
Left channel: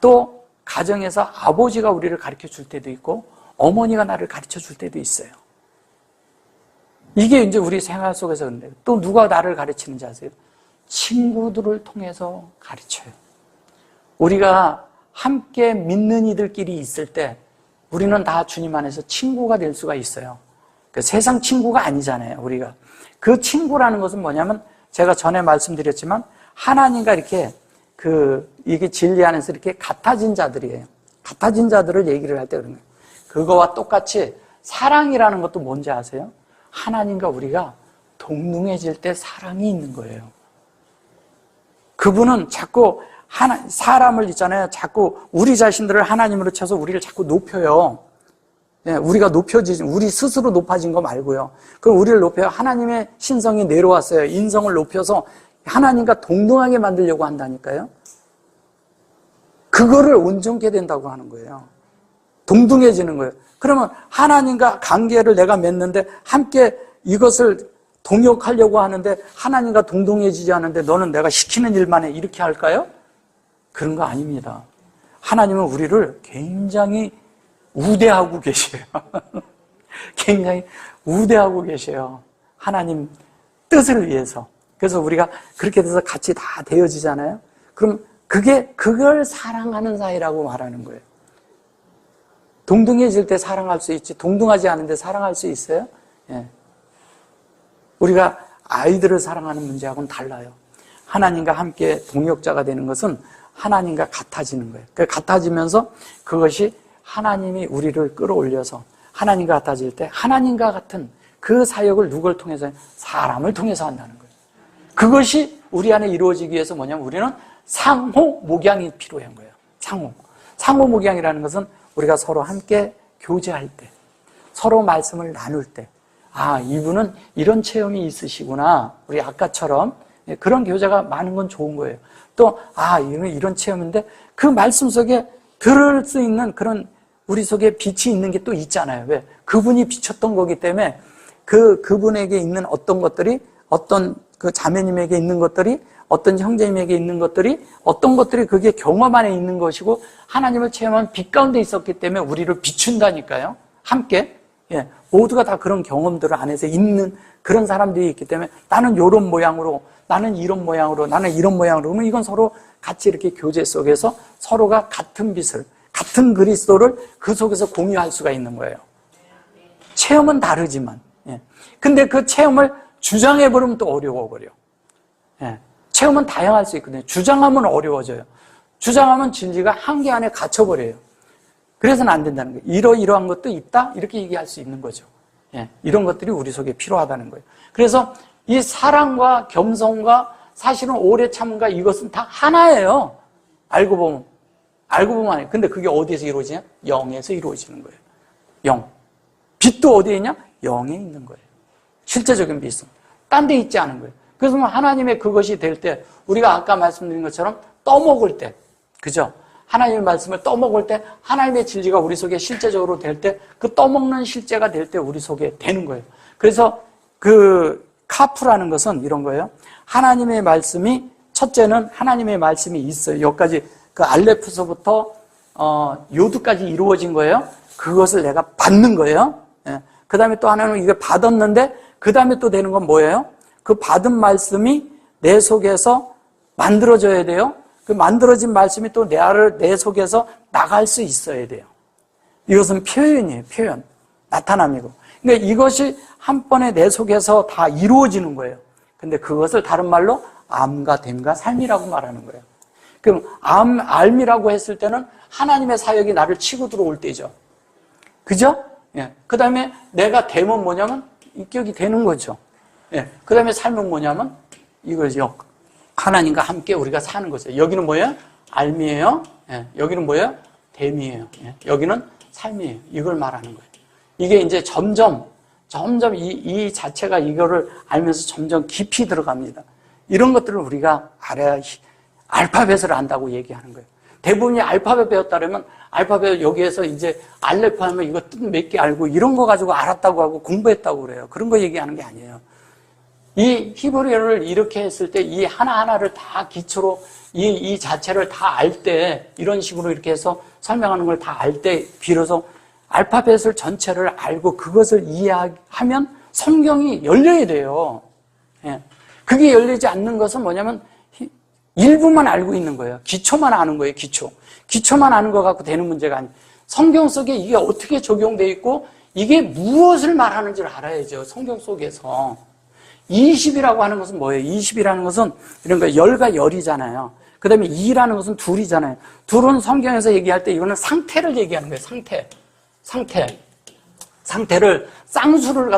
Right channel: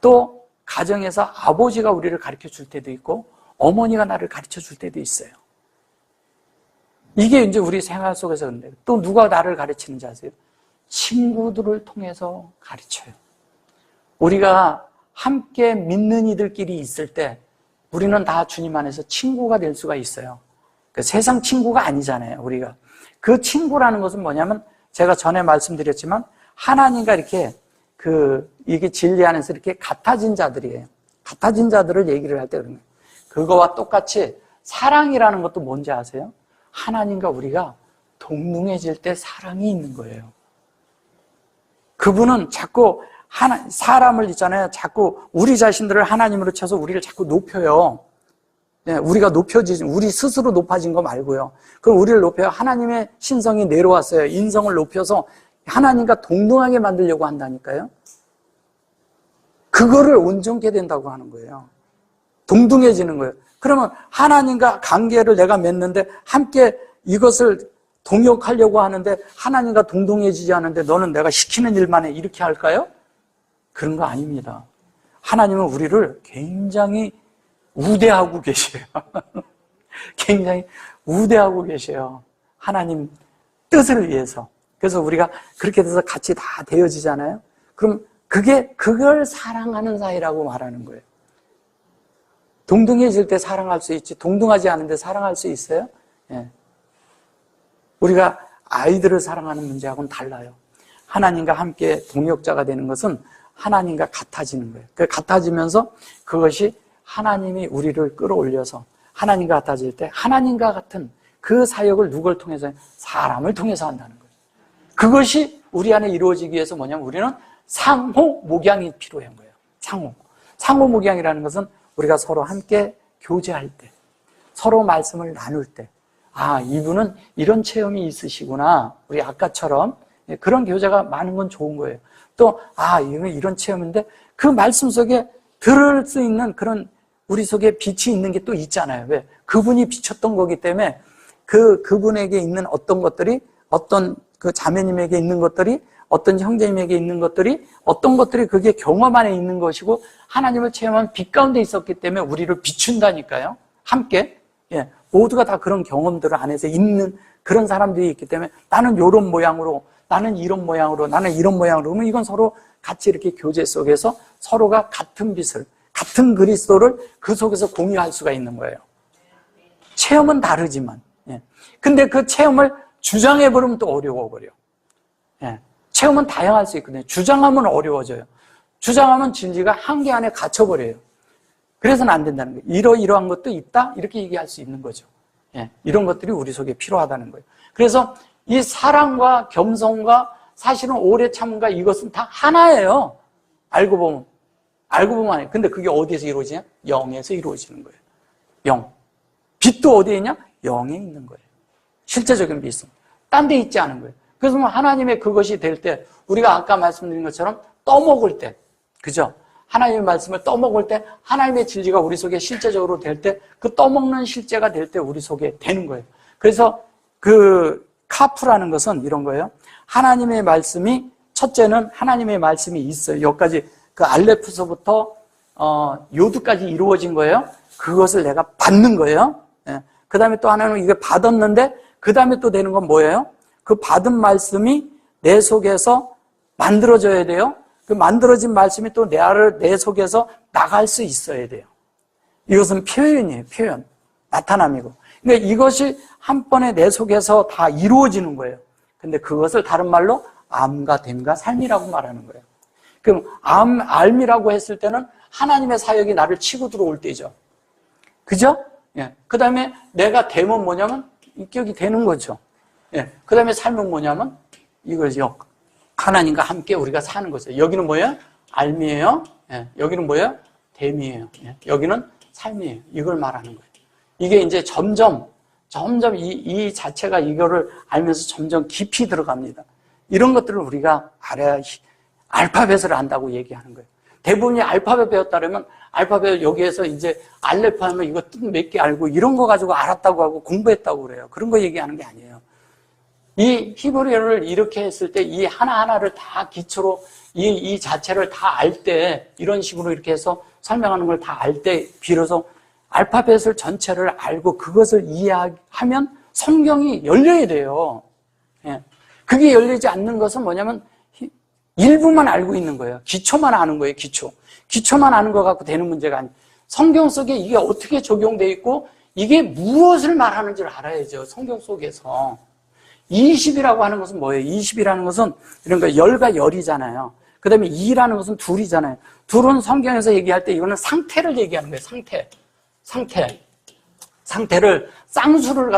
또 가정에서 아버지가 우리를 가르쳐 줄 때도 있고 어머니가 나를 가르쳐 줄 때도 있어요. 이게 이제 우리 생활 속에서 근데 또 누가 나를 가르치는지 아세요? 친구들을 통해서 가르쳐요. 우리가 함께 믿는 이들끼리 있을 때 우리는 다 주님 안에서 친구가 될 수가 있어요. 그 세상 친구가 아니잖아요, 우리가. 그 친구라는 것은 뭐냐면 제가 전에 말씀드렸지만 하나님과 이렇게 이게 진리 안에서 이렇게 같아진 자들이에요. 같아진 자들을 얘기를 할 때 그런 거예요. 그거와 똑같이 사랑이라는 것도 뭔지 아세요? 하나님과 우리가 동등해질 때 사랑이 있는 거예요. 그분은 자꾸 사람을 있잖아요. 자꾸 우리 자신들을 하나님으로 쳐서 우리를 자꾸 높여요. 예, 우리가 우리 스스로 높아진 거 말고요. 그럼 우리를 높여요. 하나님의 신성이 내려왔어요. 인성을 높여서 하나님과 동등하게 만들려고 한다니까요. 그거를 온전케 된다고 하는 거예요. 동등해지는 거예요. 그러면 하나님과 관계를 내가 맺는데 함께 이것을 동역하려고 하는데 하나님과 동등해지지 않는데 너는 내가 시키는 일만 해 이렇게 할까요? 그런 거 아닙니다. 하나님은 우리를 굉장히 우대하고 계셔요. 굉장히 우대하고 계셔요. 하나님 뜻을 위해서. 그래서 우리가 그렇게 돼서 같이 다 되어지잖아요. 그럼 그걸 사랑하는 사이라고 말하는 거예요. 동등해질 때 사랑할 수 있지 동등하지 않은데 사랑할 수 있어요? 예. 우리가 아이들을 사랑하는 문제하고는 달라요. 하나님과 함께 동역자가 되는 것은 하나님과 같아지는 거예요. 그러니까 같아지면서 그것이 하나님이 우리를 끌어올려서 하나님과 같아질 때 하나님과 같은 그 사역을 누굴 통해서? 사람을 통해서 한다는 거예요. 그것이 우리 안에 이루어지기 위해서 뭐냐면 우리는 상호 목양이 필요한 거예요. 상호 목양이라는 것은 우리가 서로 함께 교제할 때, 서로 말씀을 나눌 때, 아, 이분은 이런 체험이 있으시구나. 우리 아까처럼 그런 교제가 많은 건 좋은 거예요. 또, 아, 이런 체험인데 그 말씀 속에 들을 수 있는 그런 우리 속에 빛이 있는 게 또 있잖아요. 왜? 그분이 비쳤던 거기 때문에 그분에게 있는 어떤 것들이 어떤 그 자매님에게 있는 것들이 어떤 형제님에게 있는 것들이 어떤 것들이 그게 경험 안에 있는 것이고 하나님을 체험한 빛 가운데 있었기 때문에 우리를 비춘다니까요. 함께. 예, 모두가 다 그런 경험들 안에서 있는 그런 사람들이 있기 때문에 나는 이런 모양으로 나는 이런 모양으로 나는 이런 모양으로 그러면 이건 서로 같이 이렇게 교제 속에서 서로가 같은 빛을 같은 그리스도를 그 속에서 공유할 수가 있는 거예요. 체험은 다르지만 예. 근데 그 체험을 주장해버리면 또 어려워버려. 예. 체험은 다양할 수 있거든요. 주장하면 어려워져요. 주장하면 진리가 한계 안에 갇혀버려요. 그래서는 안 된다는 거예요. 이러한 것도 있다? 이렇게 얘기할 수 있는 거죠. 예. 이런 것들이 우리 속에 필요하다는 거예요. 그래서 이 사랑과 겸손과 사실은 오래 참과 이것은 다 하나예요. 알고 보면 아니에요. 근데 그게 어디서 이루어지냐? 영에서 이루어지는 거예요. 영. 빛도 어디에 있냐? 영에 있는 거예요. 실제적인 빛은. 딴 데 있지 않은 거예요. 그래서 하나님의 그것이 될 때, 우리가 아까 말씀드린 것처럼 떠먹을 때, 그죠? 하나님의 말씀을 떠먹을 때, 하나님의 진리가 우리 속에 실제적으로 될 때, 그 떠먹는 실제가 될 때 우리 속에 되는 거예요. 그래서 그 카프라는 것은 이런 거예요. 하나님의 말씀이, 첫째는 하나님의 말씀이 있어요. 여기까지 그 알레프서부터 요드까지 이루어진 거예요. 그것을 내가 받는 거예요. 예. 그 다음에 또 하나는 이걸 받았는데, 그 다음에 또 되는 건 뭐예요? 그 받은 말씀이 내 속에서 만들어져야 돼요. 그 만들어진 말씀이 또 내 속에서 나갈 수 있어야 돼요. 이것은 표현이에요. 표현. 나타남이고. 근데 이것이 한 번에 내 속에서 다 이루어지는 거예요. 근데 그것을 다른 말로 암과 됨과 삶이라고 말하는 거예요. 그럼 알미라고 했을 때는 하나님의 사역이 나를 치고 들어올 때죠. 그죠? 예. 그 다음에 내가 됨은 뭐냐면 인격이 되는 거죠. 예. 그 다음에 삶은 뭐냐면 이거죠. 하나님과 함께 우리가 사는 거죠. 여기는 뭐예요? 알미예요. 예. 여기는 뭐예요? 됨이에요. 예. 여기는 삶이에요. 이걸 말하는 거예요. 이게 이제 점점 이 자체가 이거를 알면서 점점 깊이 들어갑니다. 이런 것들을 우리가 알아야 알파벳을 안다고 얘기하는 거예요. 대부분이 알파벳 배웠다면 알파벳 여기에서 이제 알레프 하면 이거 뜻 몇 개 알고 이런 거 가지고 알았다고 하고 공부했다고 그래요. 그런 거 얘기하는 게 아니에요. 이 히브리어를 이렇게 했을 때 이 하나하나를 다 기초로 이 자체를 다 알 때 이런 식으로 이렇게 해서 설명하는 걸 다 알 때 비로소 알파벳을 전체를 알고 그것을 이해하면 성경이 열려야 돼요. 예. 그게 열리지 않는 것은 뭐냐면 일부만 알고 있는 거예요. 기초만 아는 거예요. 기초만 아는 거 갖고 되는 문제가 아니에요. 성경 속에 이게 어떻게 적용되어 있고 이게 무엇을 말하는지를 알아야죠. 성경 속에서. 20이라고 하는 것은 뭐예요? 20이라는 것은 이런 거 열과 열이잖아요. 그 다음에 2라는 것은 둘이잖아요. 둘은 성경에서 얘기할 때 이거는 상태를 얘기하는 거예요. 상태를 쌍수를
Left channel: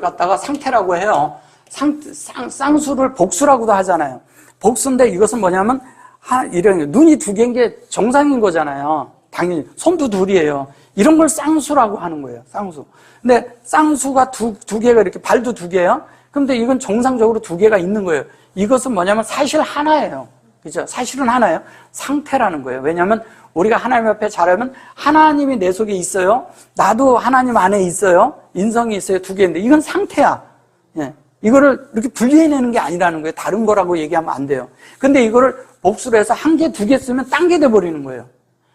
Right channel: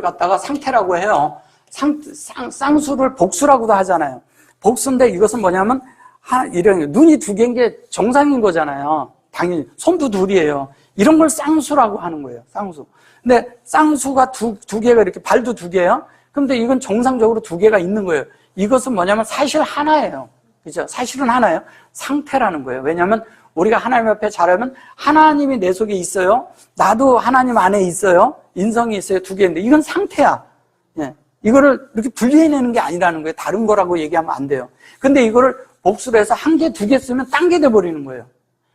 갖다가 상태라고 해요. 쌍수를 복수라고도 하잖아요. 복수인데 이것은 뭐냐면 이런 눈이 두 개인 게 정상인 거잖아요. 당연히 손도 둘이에요. 이런 걸 쌍수라고 하는 거예요. 쌍수. 근데 쌍수가 두 개가 이렇게 발도 두 개야. 그런데 이건 정상적으로 두 개가 있는 거예요. 이것은 뭐냐면 사실 하나예요. 그죠? 사실은 하나예요. 상태라는 거예요. 왜냐하면 우리가 하나님 앞에 자라면 하나님이 내 속에 있어요. 나도 하나님 안에 있어요. 인성이 있어요. 두 개인데 이건 상태야. 예. 이거를 이렇게 분리해내는 게 아니라는 거예요. 다른 거라고 얘기하면 안 돼요. 근데 이거를 복수를 해서 한 개, 두 개 쓰면 딴 게 돼버리는 거예요.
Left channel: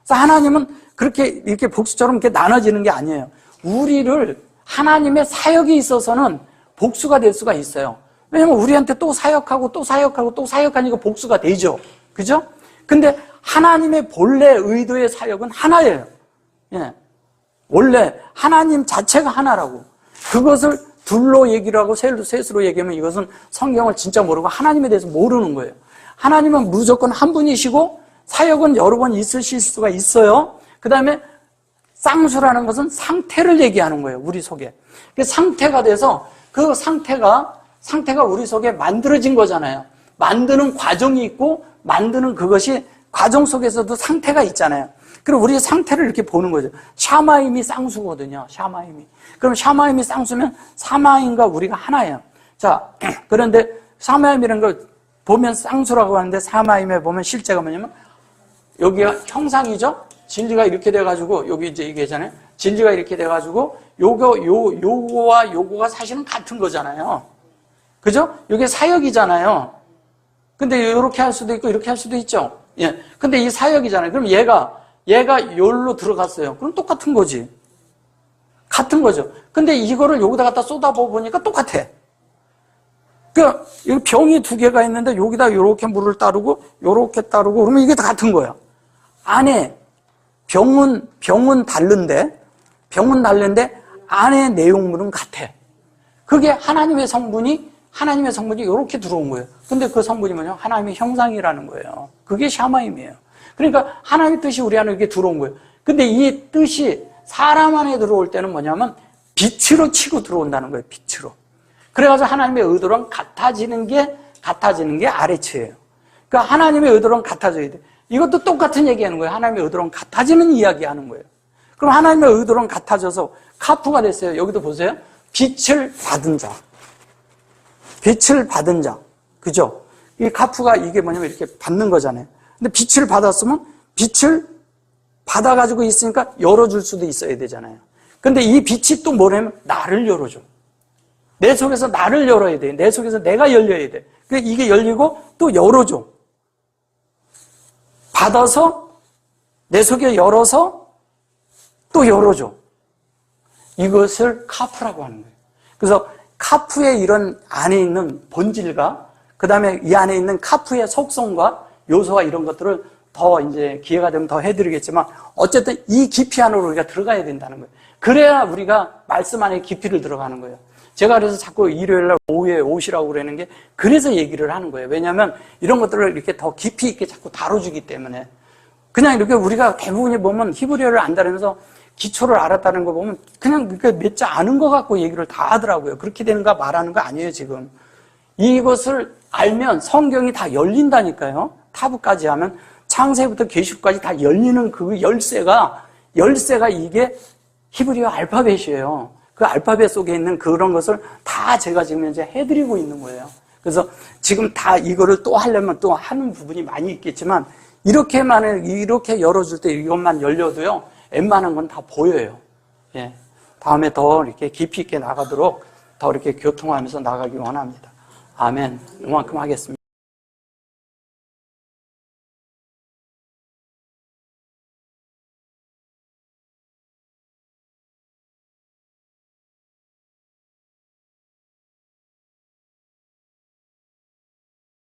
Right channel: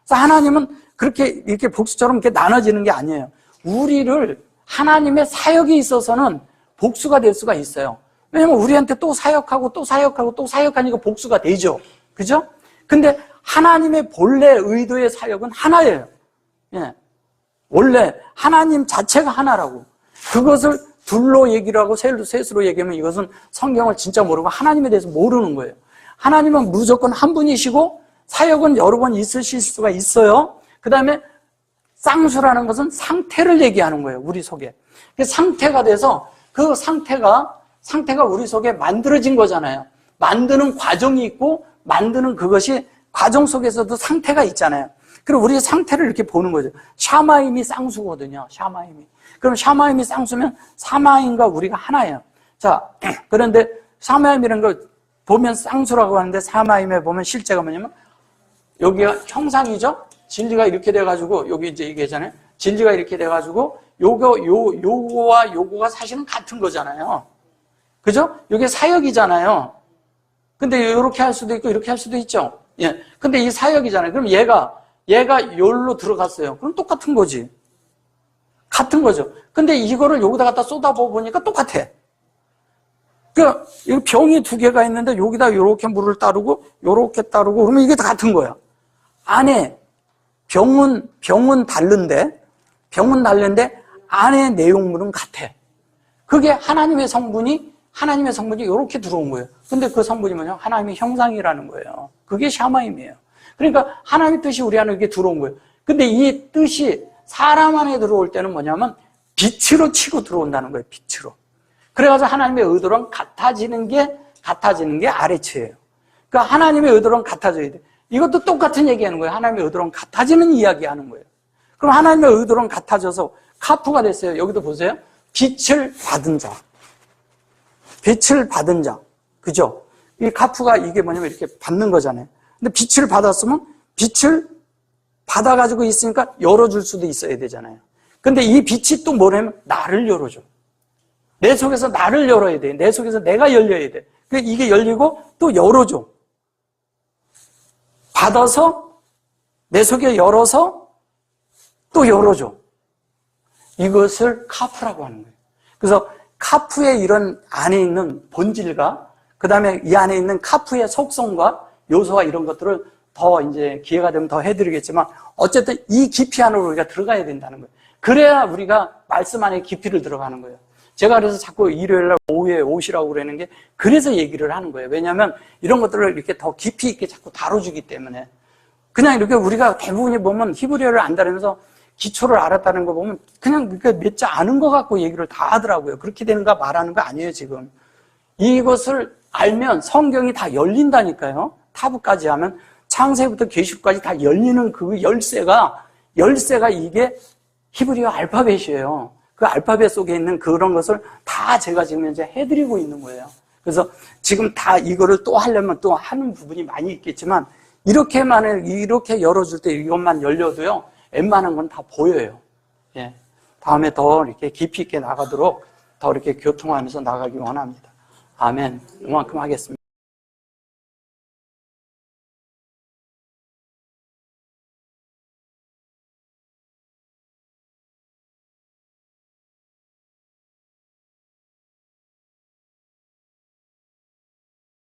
그래서 하나님은 그렇게 이렇게 복수처럼 이렇게 나눠지는 게 아니에요. 우리를 하나님의 사역이 있어서는 복수가 될 수가 있어요. 왜냐면 우리한테 또 사역하고 또 사역하고 또 사역하니까 복수가 되죠. 그죠? 근데 하나님의 본래 의도의 사역은 하나예요. 예. 원래 하나님 자체가 하나라고. 그것을 둘로 얘기를 하고 셋으로 얘기하면 이것은 성경을 진짜 모르고 하나님에 대해서 모르는 거예요. 하나님은 무조건 한 분이시고 사역은 여러 번 있으실 수가 있어요. 그 다음에 쌍수라는 것은 상태를 얘기하는 거예요. 우리 속에. 상태가 돼서 그 상태가 우리 속에 만들어진 거잖아요. 만드는 과정이 있고 만드는 그것이 과정 속에서도 상태가 있잖아요. 그럼 우리의 상태를 이렇게 보는 거죠. 샤마임이 쌍수거든요. 샤마임이. 그럼 샤마임이 쌍수면 사마임과 우리가 하나예요. 자, 그런데 사마임이라는 걸 보면 쌍수라고 하는데 사마임에 보면 실제가 뭐냐면 여기가 형상이죠. 진리가 이렇게 돼가지고 여기 이제 얘기하잖아요. 진리가 이렇게 돼가지고 요거와 요거가 사실은 같은 거잖아요. 그죠? 이게 사역이잖아요. 근데 이렇게 할 수도 있고 이렇게 할 수도 있죠. 예. 근데 이 사역이잖아요. 그럼 얘가 여기로 들어갔어요. 그럼 똑같은 거지. 같은 거죠. 근데 이거를 여기다 갖다 쏟아부어 보니까 똑같아. 그 병이 두 개가 있는데 여기다 이렇게 물을 따르고 이렇게 따르고 그러면 이게 다 같은 거야. 안에 병은 다른데 안에 내용물은 같아. 그게 하나님의 성분이 이렇게 들어온 거예요. 근데 그 성분이 뭐냐면 하나님의 형상이라는 거예요. 그게 샤마임이에요. 그러니까 하나님의 뜻이 우리 안에 이렇게 들어온 거예요. 근데 이 뜻이 사람 안에 들어올 때는 뭐냐면 빛으로 치고 들어온다는 거예요. 빛으로. 그래가지고 하나님의 의도랑 같아지는 게 아래치예요. 그러니까 하나님의 의도랑 같아져야 돼. 이것도 똑같은 얘기하는 거예요. 하나님의 의도랑 같아지는 이야기하는 거예요. 그럼 하나님의 의도랑 같아져서 카프가 됐어요. 여기도 보세요. 빛을 받은 자. 빛을 받은 자. 그죠? 이 카프가 이게 뭐냐면 이렇게 받는 거잖아요. 근데 빛을 받았으면 빛을 받아가지고 있으니까 열어줄 수도 있어야 되잖아요. 근데 이 빛이 또 뭐냐면 나를 열어줘. 내 속에서 나를 열어야 돼. 내 속에서 내가 열려야 돼. 그러니까 이게 열리고 또 열어줘. 받아서 내 속에 열어서 또 열어줘. 이것을 카프라고 하는 거예요. 그래서 카프의 이런 안에 있는 본질과 그 다음에 이 안에 있는 카프의 속성과 요소와 이런 것들을 더 이제 기회가 되면 더 해드리겠지만 어쨌든 이 깊이 안으로 우리가 들어가야 된다는 거예요. 그래야 우리가 말씀 안에 깊이를 들어가는 거예요. 제가 그래서 자꾸 일요일날 오후에 오시라고 그러는 게 그래서 얘기를 하는 거예요. 왜냐하면 이런 것들을 이렇게 더 깊이 있게 자꾸 다뤄주기 때문에 그냥 이렇게 우리가 대부분이 보면 히브리어를 안다면서 기초를 알았다는 거 보면 그냥 몇 자 아는 것 같고 얘기를 다 하더라고요. 그렇게 되는가 말하는 거 아니에요 지금. 이것을 알면 성경이 다 열린다니까요. 타부까지 하면 창세부터 계시록까지 다 열리는 그 열쇠가 이게 히브리어 알파벳이에요. 그 알파벳 속에 있는 그런 것을 다 제가 지금 이제 해드리고 있는 거예요. 그래서 지금 다 이거를 또 하려면 또 하는 부분이 많이 있겠지만 이렇게 열어줄 때 이것만 열려도요. 웬만한 건 다 보여요. 예. 다음에 더 이렇게 깊이 있게 나가도록 더 이렇게 교통하면서 나가기 원합니다. 아멘. 이만큼 하겠습니다.